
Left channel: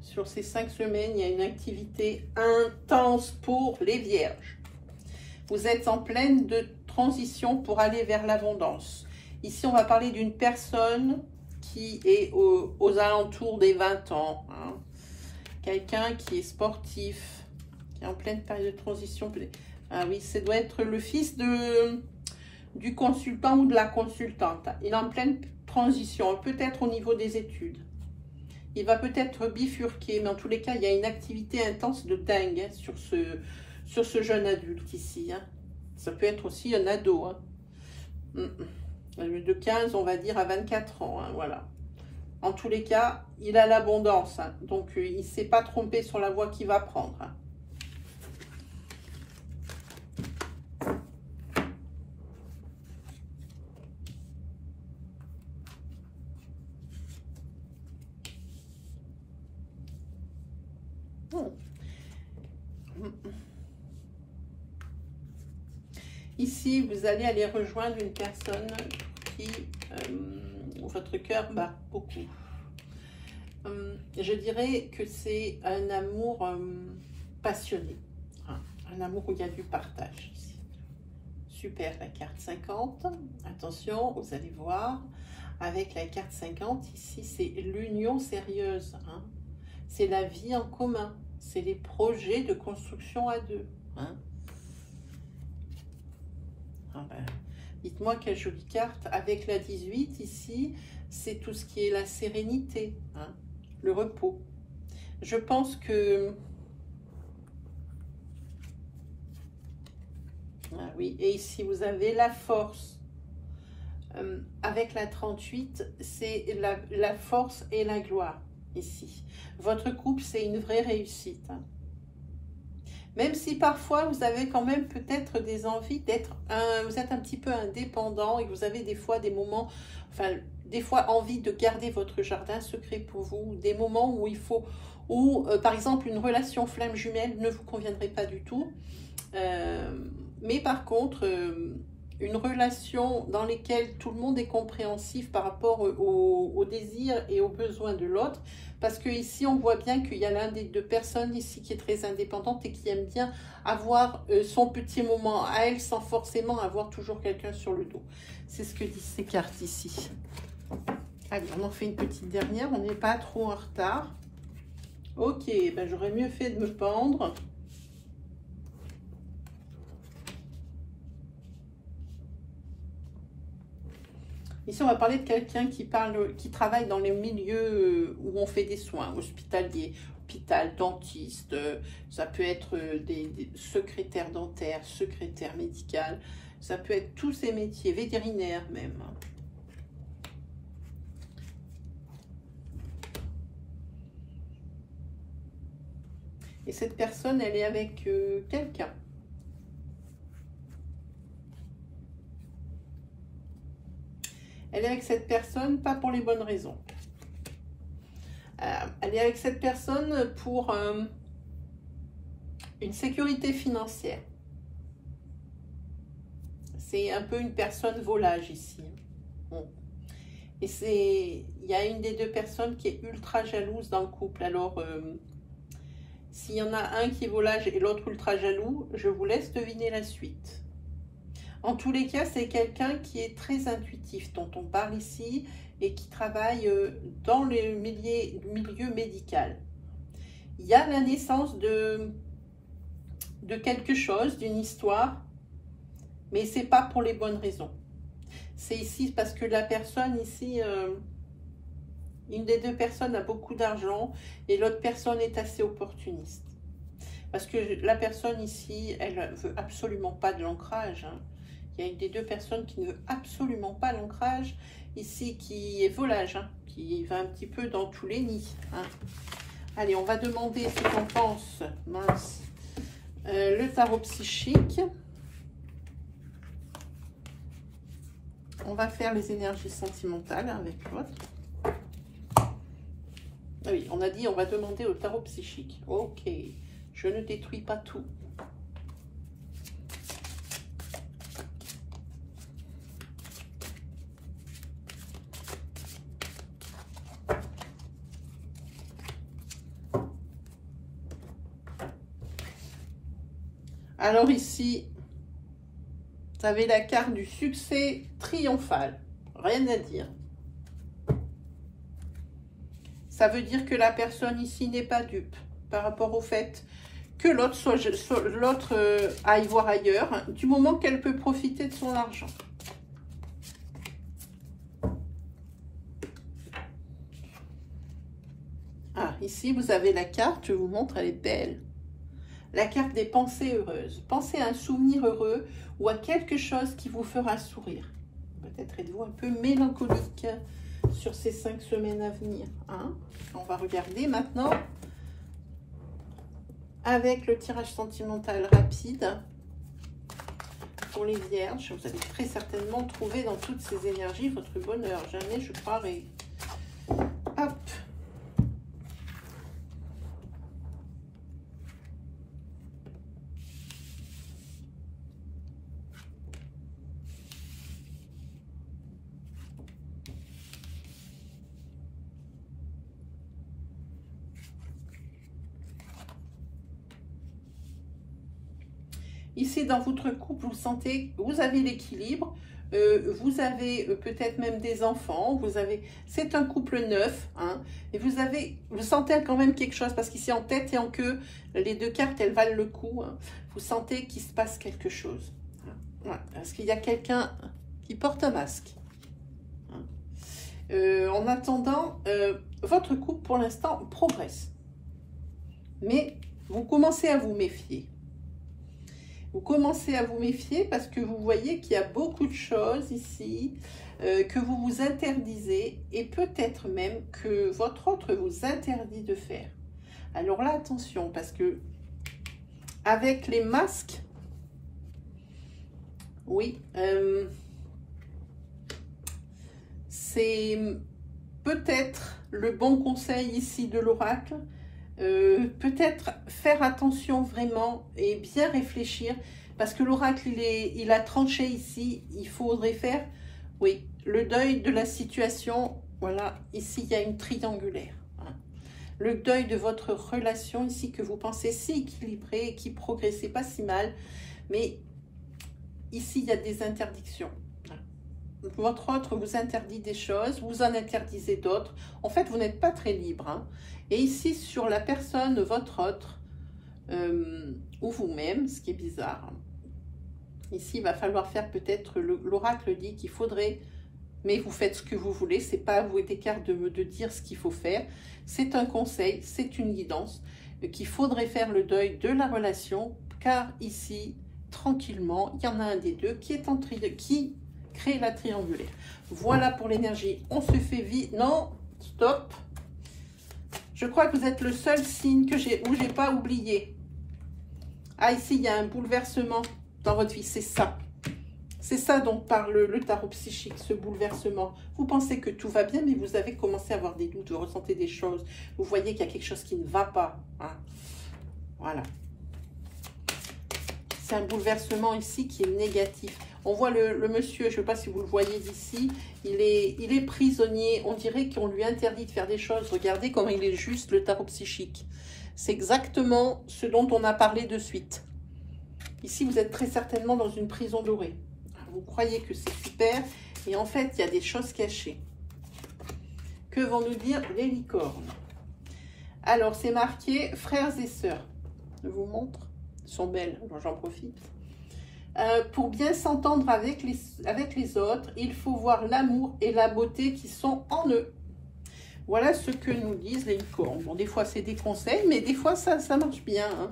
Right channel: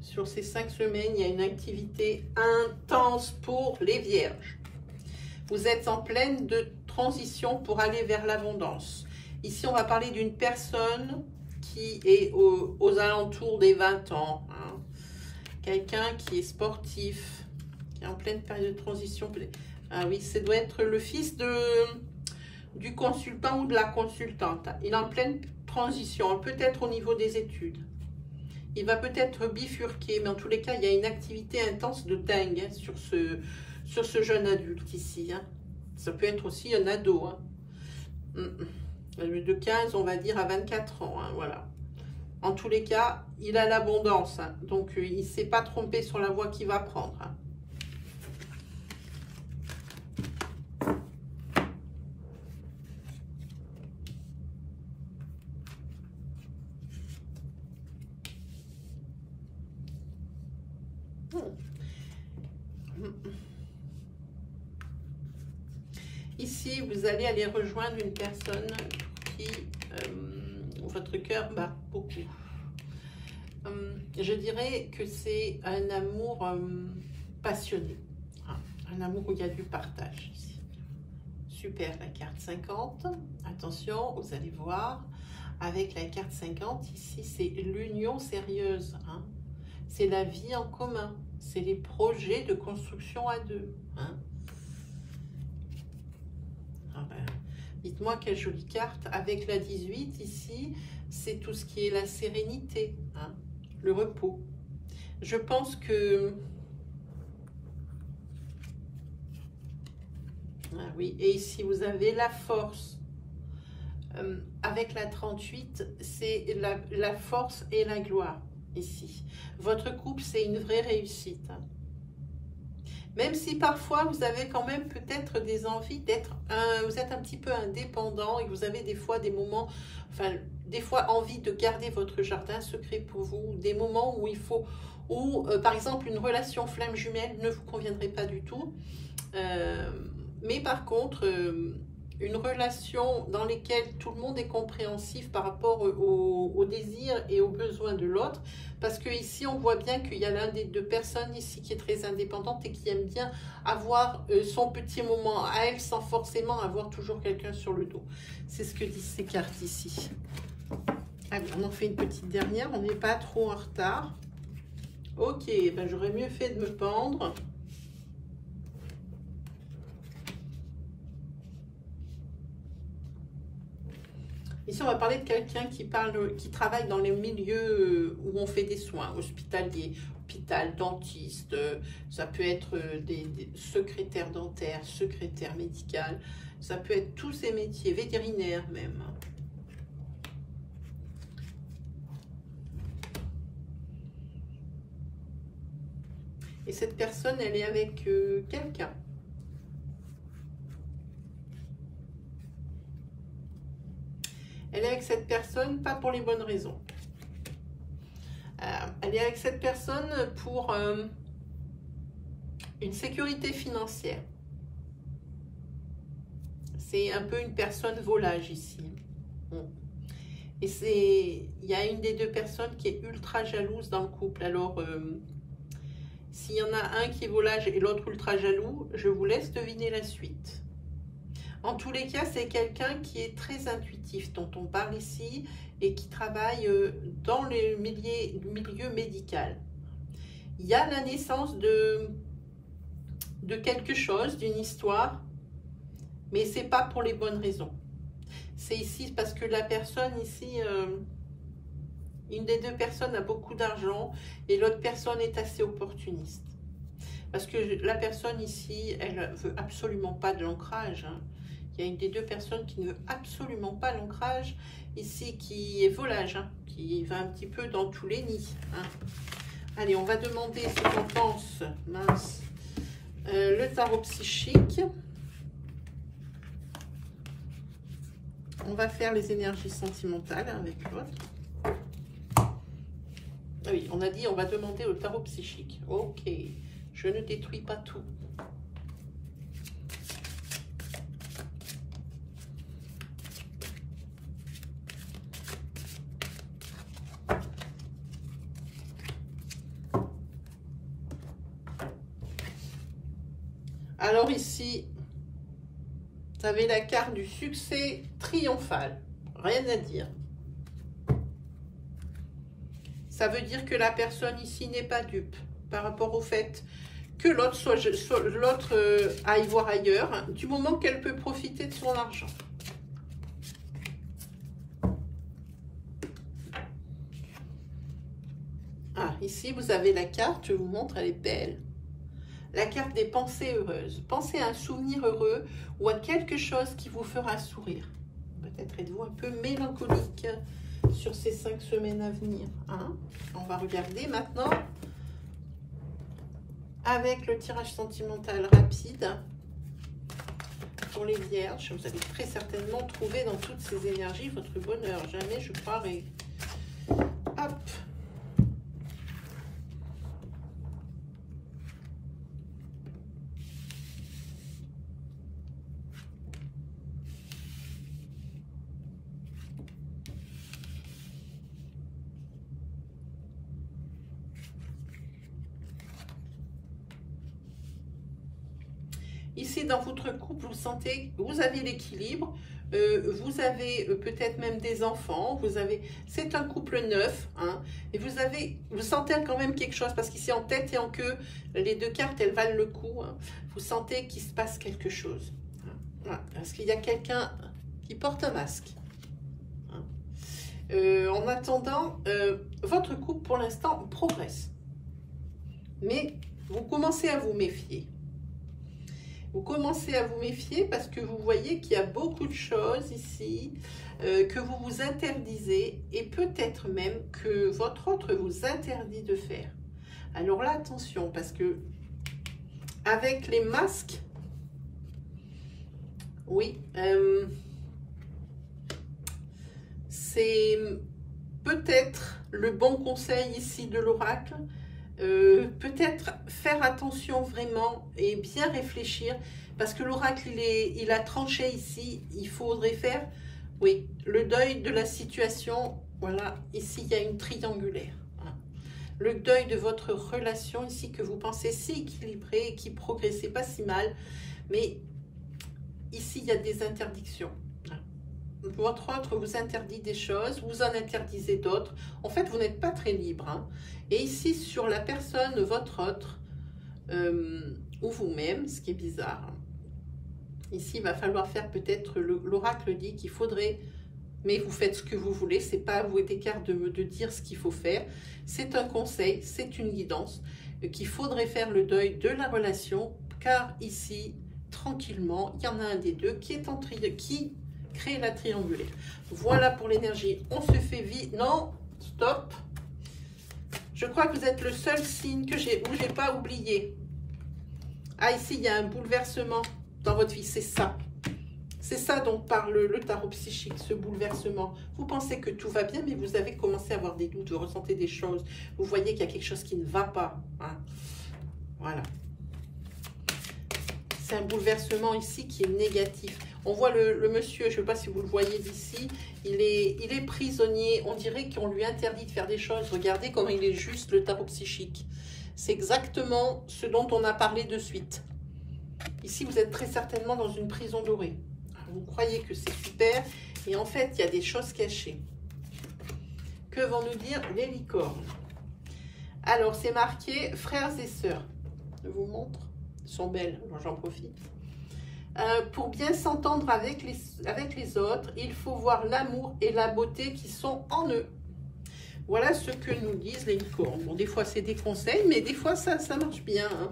Sur ces 5 semaines, il y a une activité intense pour les vierges. Vous êtes en pleine de transition pour aller vers l'abondance. Ici, on va parler d'une personne qui est aux alentours des 20 ans. Hein. Quelqu'un qui est sportif, qui est en pleine période de transition. Ah oui, ça doit être le fils du consultant ou de la consultante. Il est en pleine transition, peut-être au niveau des études. Il va peut-être bifurquer, mais en tous les cas, il y a une activité intense de dingue hein, sur ce jeune adulte ici. Hein. Ça peut être aussi un ado. Hein. De 15, on va dire, à 24 ans. Hein, voilà. En tous les cas, il a l'abondance. Hein, donc, il ne s'est pas trompé sur la voie qu'il va prendre. Hein. Ici, vous allez aller rejoindre une personne qui, votre cœur bat beaucoup. Je dirais que c'est un amour passionné, hein, un amour où il y a du partage ici. Super, la carte 50. Attention, vous allez voir, avec la carte 50, ici, c'est l'union sérieuse. Hein. C'est la vie en commun. C'est les projets de construction à deux. Hein. Ah ben, dites-moi quelle jolie carte. Avec la 18, ici, c'est tout ce qui est la sérénité, hein, le repos. Je pense que... Ah oui, et ici, vous avez la force. Avec la 38, c'est la force et la gloire, ici. Votre couple, c'est une vraie réussite. Hein. Même si parfois vous avez quand même peut-être des envies d'être, vous êtes un petit peu indépendant et que vous avez des fois des moments, enfin des fois envie de garder votre jardin secret pour vous, des moments où il faut, par exemple une relation flamme jumelle ne vous conviendrait pas du tout, mais par contre une relation dans laquelle tout le monde est compréhensif par rapport aux désirs et aux besoins de l'autre, parce que ici on voit bien qu'il y a l'un des deux personnes ici qui est très indépendante et qui aime bien avoir son petit moment à elle sans forcément avoir toujours quelqu'un sur le dos. C'est ce que disent ces cartes ici. Allez, on en fait une petite dernière, on n'est pas trop en retard. Ok, ben j'aurais mieux fait de me pendre. Ici, on va parler de quelqu'un qui travaille dans les milieux où on fait des soins, hospitaliers, hôpital, dentiste, ça peut être des secrétaires dentaires, secrétaires médicales, ça peut être tous ces métiers, vétérinaires même. Et cette personne, elle est avec quelqu'un. Elle est avec cette personne, pas pour les bonnes raisons. Elle est avec cette personne pour une sécurité financière. C'est un peu une personne volage ici. Et il y a une des deux personnes qui est ultra jalouse dans le couple. Alors, s'il y en a un qui est volage et l'autre ultra jaloux, je vous laisse deviner la suite. En tous les cas, c'est quelqu'un qui est très intuitif, dont on parle ici, et qui travaille dans le milieu médical. Il y a la naissance de quelque chose, d'une histoire, mais ce n'est pas pour les bonnes raisons. C'est ici parce que la personne ici, une des deux personnes a beaucoup d'argent et l'autre personne est assez opportuniste. Parce que la personne ici, elle ne veut absolument pas de l'ancrage, hein. Il y a une des deux personnes qui ne veut absolument pas l'ancrage, ici, qui est volage, hein, qui va un petit peu dans tous les nids. Hein. Allez, on va demander ce qu'on pense, mince, le tarot psychique. On va faire les énergies sentimentales avec l'autre. Ah oui, on a dit on va demander au tarot psychique. Ok, je ne détruis pas tout. Alors ici, vous avez la carte du succès triomphal. Rien à dire. Ça veut dire que la personne ici n'est pas dupe par rapport au fait que l'autre aille voir ailleurs, hein, du moment qu'elle peut profiter de son argent. Ah, ici, vous avez la carte, je vous montre, elle est belle. La carte des pensées heureuses. Pensez à un souvenir heureux ou à quelque chose qui vous fera sourire. Peut-être êtes-vous un peu mélancolique sur ces 5 semaines à venir. Hein? On va regarder maintenant avec le tirage sentimental rapide pour les vierges. Vous allez très certainement trouver dans toutes ces énergies votre bonheur. Jamais, je croirais. Hop. Ici, dans votre couple, vous sentez que vous avez l'équilibre, vous avez peut-être même des enfants, c'est un couple neuf, hein, et vous sentez quand même quelque chose, parce qu'ici en tête et en queue, les deux cartes, elles valent le coup, hein, vous sentez qu'il se passe quelque chose. Hein, parce qu'il y a quelqu'un qui porte un masque. Hein. En attendant, votre couple, pour l'instant, progresse. Mais vous commencez à vous méfier. Vous commencez à vous méfier parce que vous voyez qu'il y a beaucoup de choses ici que vous vous interdisez et peut-être même que votre autre vous interdit de faire. Alors là, attention, parce que avec les masques, oui, c'est peut-être le bon conseil ici de l'oracle. Peut-être faire attention vraiment et bien réfléchir, parce que l'oracle, il a tranché ici. Il faudrait faire, oui, le deuil de la situation. Voilà, ici, il y a une triangulaire. Hein. Le deuil de votre relation ici, que vous pensez si équilibrée, qui progressait pas si mal. Mais ici, il y a des interdictions. Votre autre vous interdit des choses, vous en interdisez d'autres. En fait, vous n'êtes pas très libre. Hein. Et ici, sur la personne, votre autre, ou vous-même, ce qui est bizarre. Hein. Ici, il va falloir faire peut-être, l'oracle dit qu'il faudrait, mais vous faites ce que vous voulez, c'est pas à vous et d'écart de dire ce qu'il faut faire. C'est un conseil, c'est une guidance, qu'il faudrait faire le deuil de la relation, car ici, tranquillement, il y en a un des deux qui est en qui crée la triangulaire. Voilà pour l'énergie. On se fait vite. Non, stop. Je crois que vous êtes le seul signe que où j'ai pas oublié. Ah, ici, il y a un bouleversement dans votre vie. C'est ça. C'est ça dont parle le tarot psychique, ce bouleversement. Vous pensez que tout va bien, mais vous avez commencé à avoir des doutes, vous ressentez des choses. Vous voyez qu'il y a quelque chose qui ne va pas. Hein. Voilà. C'est un bouleversement ici qui est négatif. On voit le monsieur, je ne sais pas si vous le voyez d'ici, il est prisonnier. On dirait qu'on lui interdit de faire des choses. Regardez comme il est juste, le tarot psychique. C'est exactement ce dont on a parlé de suite. Ici, vous êtes très certainement dans une prison dorée. Vous croyez que c'est super, et en fait, il y a des choses cachées. Que vont nous dire les licornes? Alors, c'est marqué frères et sœurs. Je vous montre. Ils sont belles, j'en profite. Pour bien s'entendre avec les autres, il faut voir l'amour et la beauté qui sont en eux. Voilà ce que nous disent les licornes. Bon, des fois, c'est des conseils, mais des fois, ça marche bien. Hein.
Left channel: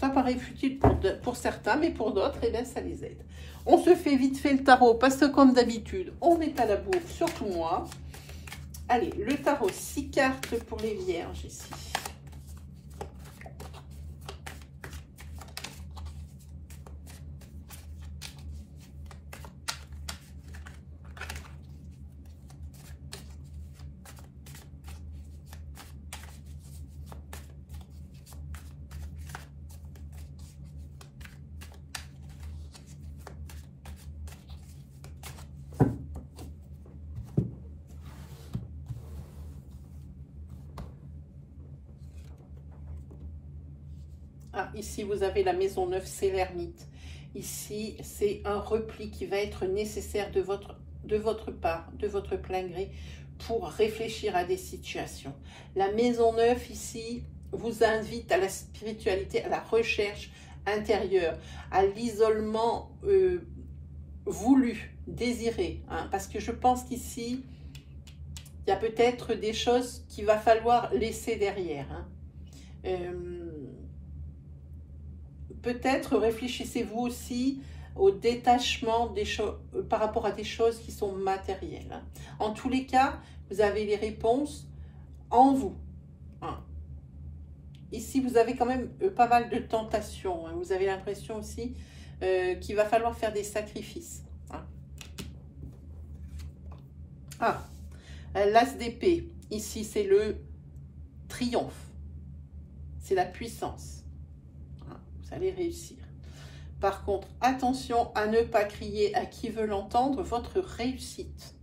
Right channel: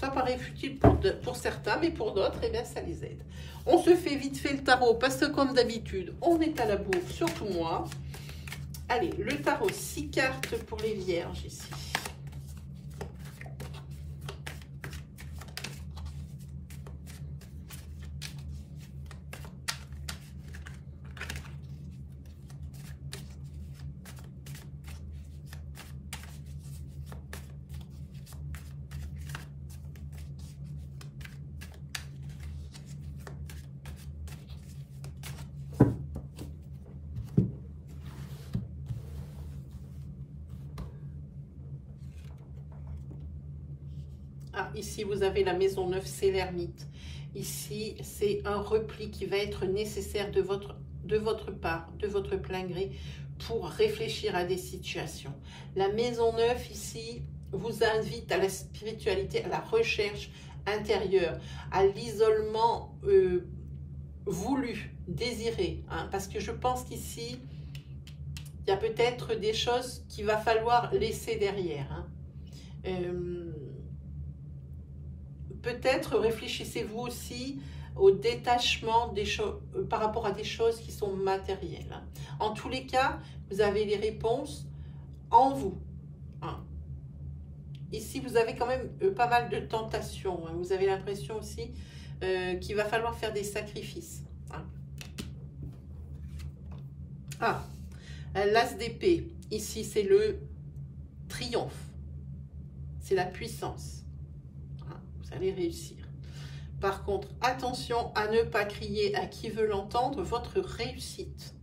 Ça paraît futile pour certains, mais pour d'autres, eh bien, ça les aide. On se fait vite fait le tarot, parce que comme d'habitude, on est à la bourre, surtout moi. Allez, le tarot, 6 cartes pour les vierges ici. Ah, ici, vous avez la maison neuve, c'est l'ermite. Ici, c'est un repli qui va être nécessaire de votre part, de votre plein gré, pour réfléchir à des situations. La maison neuve, ici, vous invite à la spiritualité, à la recherche intérieure, à l'isolement voulu, désiré. Hein, parce que je pense qu'ici, il y a peut-être des choses qu'il va falloir laisser derrière. Hein. Peut-être réfléchissez-vous aussi au détachement des choses par rapport à des choses qui sont matérielles. Hein. En tous les cas, vous avez les réponses en vous. Hein. Ici, vous avez quand même pas mal de tentations. Hein. Vous avez l'impression aussi qu'il va falloir faire des sacrifices. Hein. Ah, l'as d'épée. Ici, c'est le triomphe. C'est la puissance. Vous allez réussir. Par contre, attention à ne pas crier à qui veut l'entendre votre réussite.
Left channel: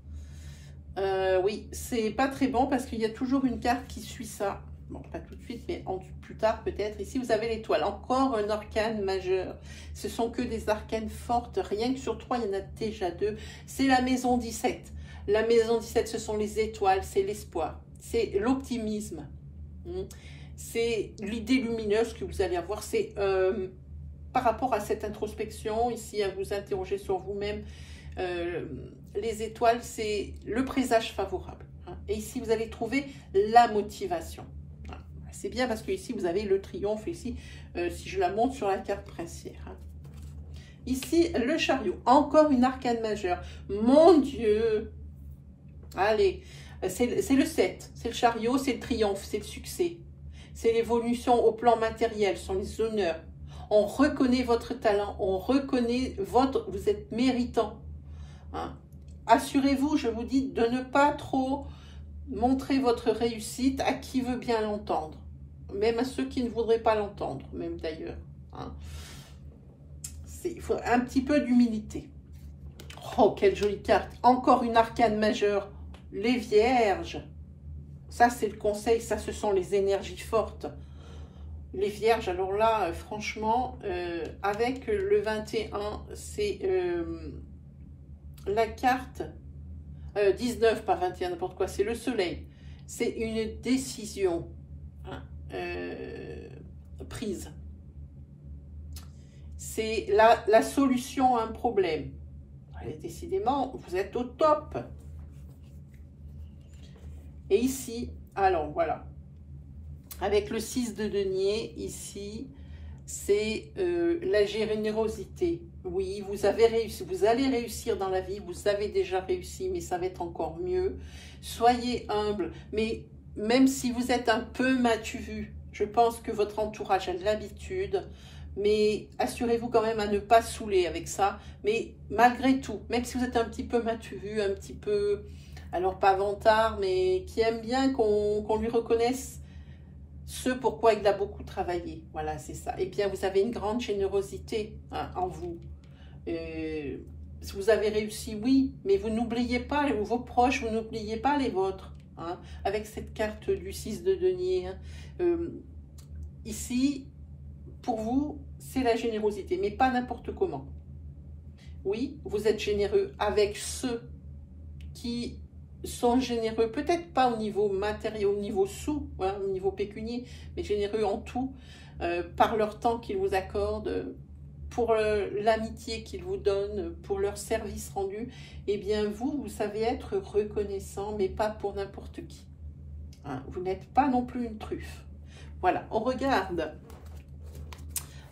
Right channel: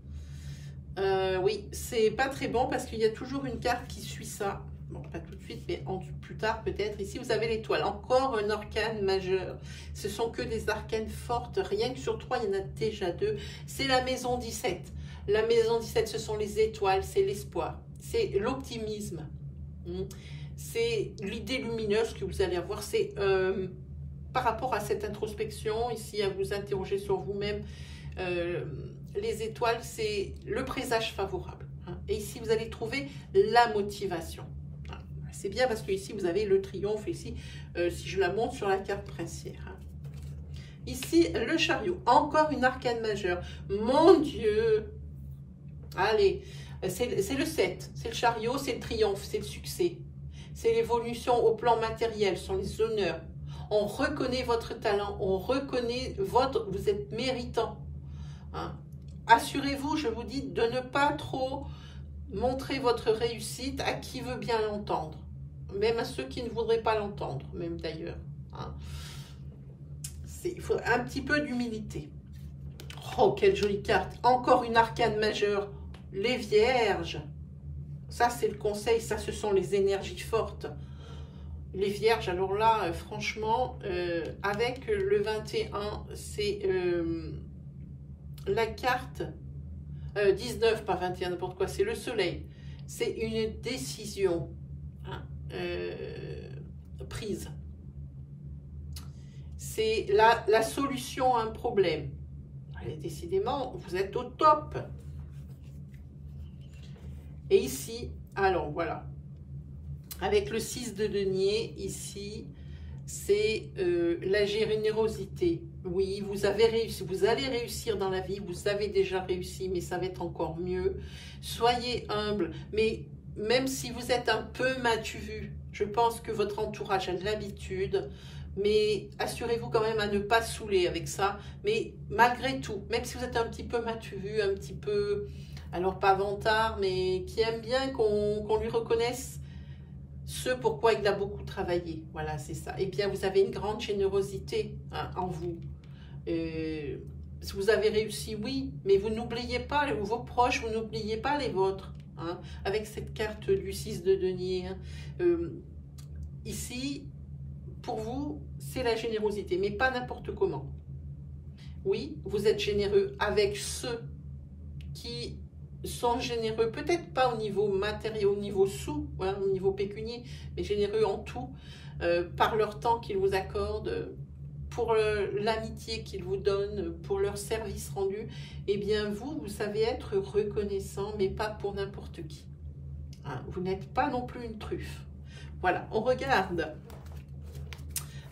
Oui, c'est pas très bon parce qu'il y a toujours une carte qui suit ça. Bon, pas tout de suite, mais plus tard peut-être. Ici, vous avez l'étoile. Encore un arcane majeur. Ce sont que des arcanes fortes. Rien que sur 3, il y en a déjà 2. C'est la maison 17. La maison 17, ce sont les étoiles, c'est l'espoir. C'est l'optimisme. C'est l'idée lumineuse que vous allez avoir. C'est par rapport à cette introspection, ici, à vous interroger sur vous-même. Les étoiles, c'est le présage favorable. Hein. Et ici, vous allez trouver la motivation. Hein. C'est bien parce que ici, vous avez le triomphe. Ici, si je la montre sur la carte princière. Hein. Ici, le chariot. Encore une arcane majeure. Mon Dieu! Allez, c'est le 7. C'est le chariot, c'est le triomphe, c'est le succès. C'est l'évolution au plan matériel, ce sont les honneurs. On reconnaît votre talent, on reconnaît vous êtes méritant. Hein. Assurez-vous, je vous dis, de ne pas trop montrer votre réussite à qui veut bien l'entendre. Même à ceux qui ne voudraient pas l'entendre, même d'ailleurs. Hein. Il faut un petit peu d'humilité. Oh, quelle jolie carte. Encore une arcane majeure. Les vierges. Ça, c'est le conseil. Ça, ce sont les énergies fortes. Les vierges, alors là, franchement, avec le 21, c'est la carte 19, pas 21, n'importe quoi. C'est le soleil. C'est une décision prise. C'est la solution à un problème. Allez, décidément, vous êtes au top. Et ici, alors voilà, avec le 6 de denier, ici, c'est la générosité. Oui, vous avez réussi, vous allez réussir dans la vie, vous avez déjà réussi, mais ça va être encore mieux. Soyez humble, mais même si vous êtes un peu matu vu, je pense que votre entourage a de l'habitude, mais assurez-vous quand même à ne pas saouler avec ça. Mais malgré tout, même si vous êtes un petit peu matu vu, un petit peu... alors pas vantard, mais qui aime bien qu'on lui reconnaisse ce pourquoi il a beaucoup travaillé. Voilà, c'est ça. Eh bien, vous avez une grande générosité en vous. Vous avez réussi, oui, mais vous n'oubliez pas vos proches, vous n'oubliez pas les vôtres. Hein, avec cette carte du 6 de denier. Ici, pour vous, c'est la générosité, mais pas n'importe comment. Oui, vous êtes généreux avec ceux qui sont généreux, peut-être pas au niveau matériel, au niveau sous, hein, au niveau pécunier, mais généreux en tout, par leur temps qu'ils vous accordent, pour l'amitié qu'ils vous donnent, pour leur service rendu. Eh bien, vous savez être reconnaissant, mais pas pour n'importe qui. Hein, vous n'êtes pas non plus une truffe. Voilà, on regarde.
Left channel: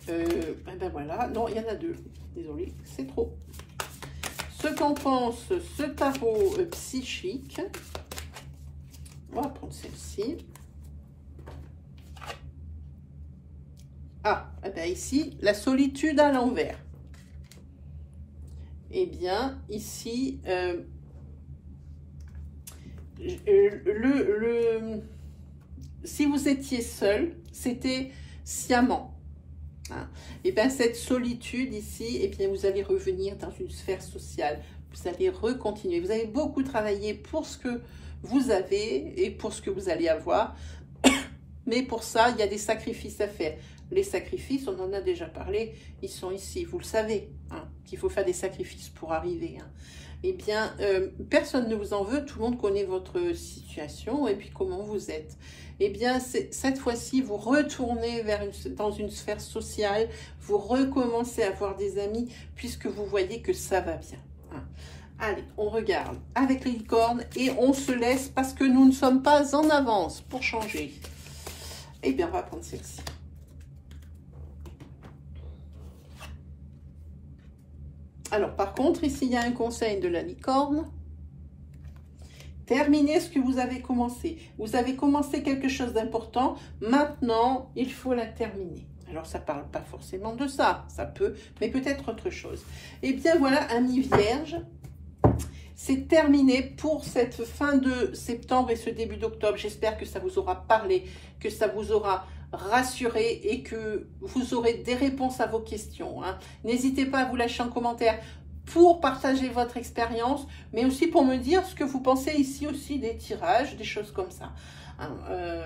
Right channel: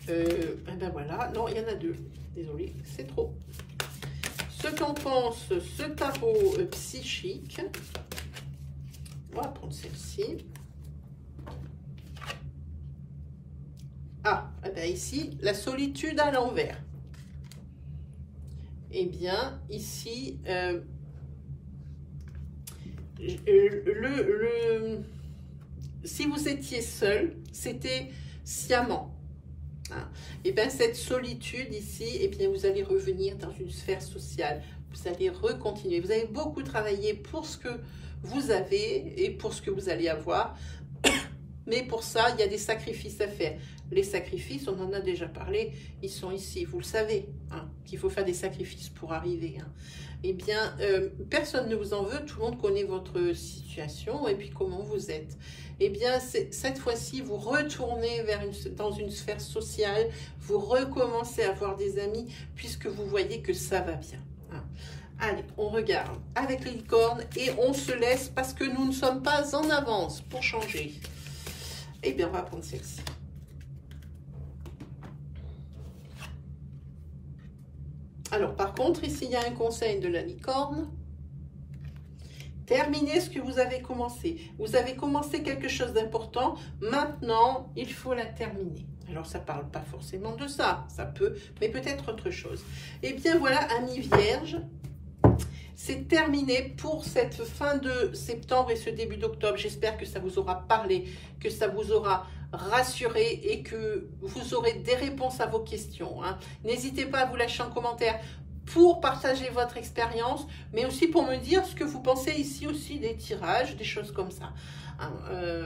Ben voilà, non, il y en a deux. Désolée, c'est trop. Ce qu'en pense ce tarot psychique. On va prendre celle-ci. Ah, eh bien ici, la solitude à l'envers. Eh bien, ici, si vous étiez seul, c'était sciemment. Hein. Et bien cette solitude ici, et bien vous allez revenir dans une sphère sociale, vous allez recontinuer, vous avez beaucoup travaillé pour ce que vous avez et pour ce que vous allez avoir, mais pour ça il y a des sacrifices à faire. Les sacrifices, on en a déjà parlé, ils sont ici, vous le savez, hein, qu'il faut faire des sacrifices pour arriver. Hein. Eh bien, personne ne vous en veut, tout le monde connaît votre situation et puis comment vous êtes. Eh bien, cette fois-ci, vous retournez dans une sphère sociale, vous recommencez à avoir des amis, puisque vous voyez que ça va bien. Hein. Allez, on regarde avec les licornes et on se laisse parce que nous ne sommes pas en avance pour changer. Eh bien, on va prendre celle-ci. Alors, par contre, ici, il y a un conseil de la licorne. Terminez ce que vous avez commencé. Vous avez commencé quelque chose d'important. Maintenant, il faut la terminer. Alors, ça ne parle pas forcément de ça. Ça peut, mais peut-être autre chose. Eh bien, voilà, amis vierges. C'est terminé pour cette fin de septembre et ce début d'octobre. J'espère que ça vous aura parlé, que ça vous aura rassuré et que vous aurez des réponses à vos questions. Hein. N'hésitez pas à vous lâcher en commentaire pour partager votre expérience, mais aussi pour me dire ce que vous pensez ici aussi des tirages, des choses comme ça. Hein.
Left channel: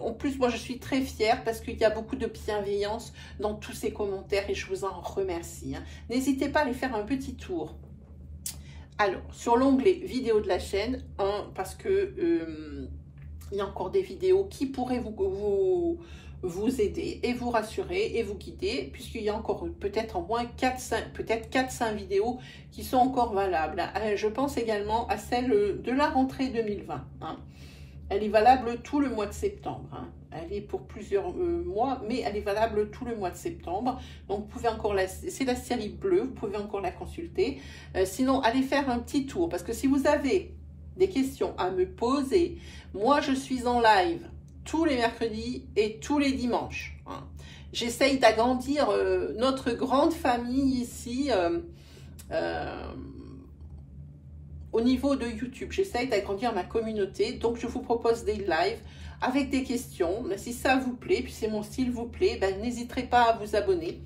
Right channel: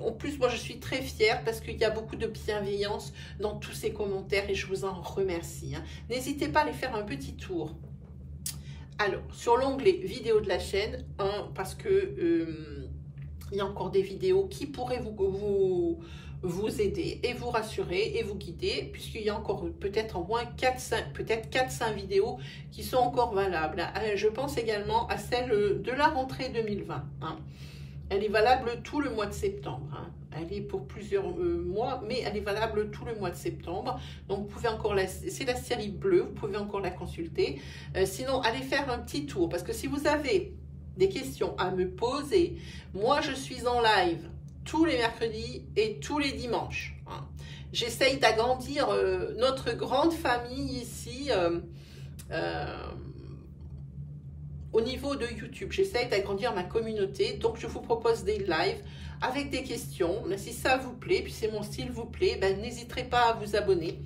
En plus, moi, je suis très fière parce qu'il y a beaucoup de bienveillance dans tous ces commentaires et je vous en remercie. Hein. N'hésitez pas à aller faire un petit tour. Alors, sur l'onglet vidéo de la chaîne, hein, parce que il y a encore des vidéos qui pourraient vous aider et vous rassurer et vous guider, puisqu'il y a encore peut-être au moins 4-5 vidéos qui sont encore valables. Je pense également à celle de la rentrée 2020. Hein. Elle est valable tout le mois de septembre. Hein. Elle est pour plusieurs mois, mais elle est valable tout le mois de septembre. Donc, vous pouvez encore c'est la série bleue, vous pouvez encore la consulter. Sinon, allez faire un petit tour, parce que si vous avez des questions à me poser, moi, je suis en live tous les mercredis et tous les dimanches. Hein. j'essaye d'agrandir notre grande famille ici au niveau de YouTube. J'essaye d'agrandir ma communauté, donc je vous propose des lives avec des questions. Si ça vous plaît, puis c'est mon style vous plaît, ben, n'hésiterez pas à vous abonner.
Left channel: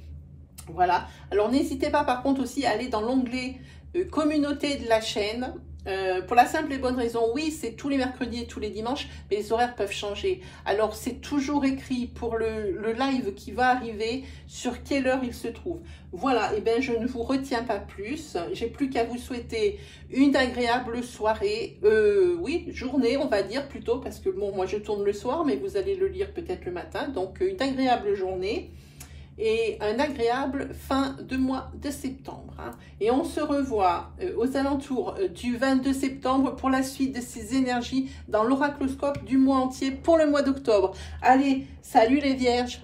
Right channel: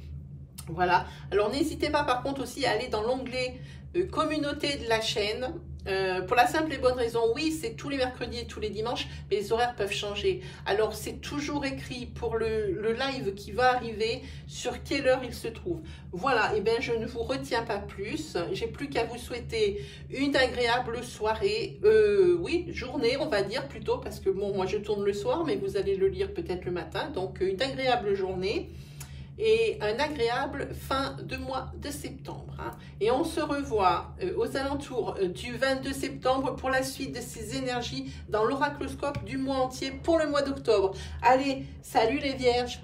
Voilà, alors n'hésitez pas par contre aussi à aller dans l'onglet communauté de la chaîne, pour la simple et bonne raison, oui, c'est tous les mercredis et tous les dimanches, mais les horaires peuvent changer. Alors c'est toujours écrit pour le live qui va arriver, sur quelle heure il se trouve. Voilà, et bien je ne vous retiens pas plus, j'ai plus qu'à vous souhaiter une agréable soirée, oui, journée on va dire plutôt, parce que bon, moi je tourne le soir, mais vous allez le lire peut-être le matin, donc une agréable journée. Et un agréable fin de mois de septembre. Hein. Et on se revoit aux alentours du 22 septembre pour la suite de ces énergies dans l'oracloscope du mois entier pour le mois d'octobre. Allez, salut les vierges!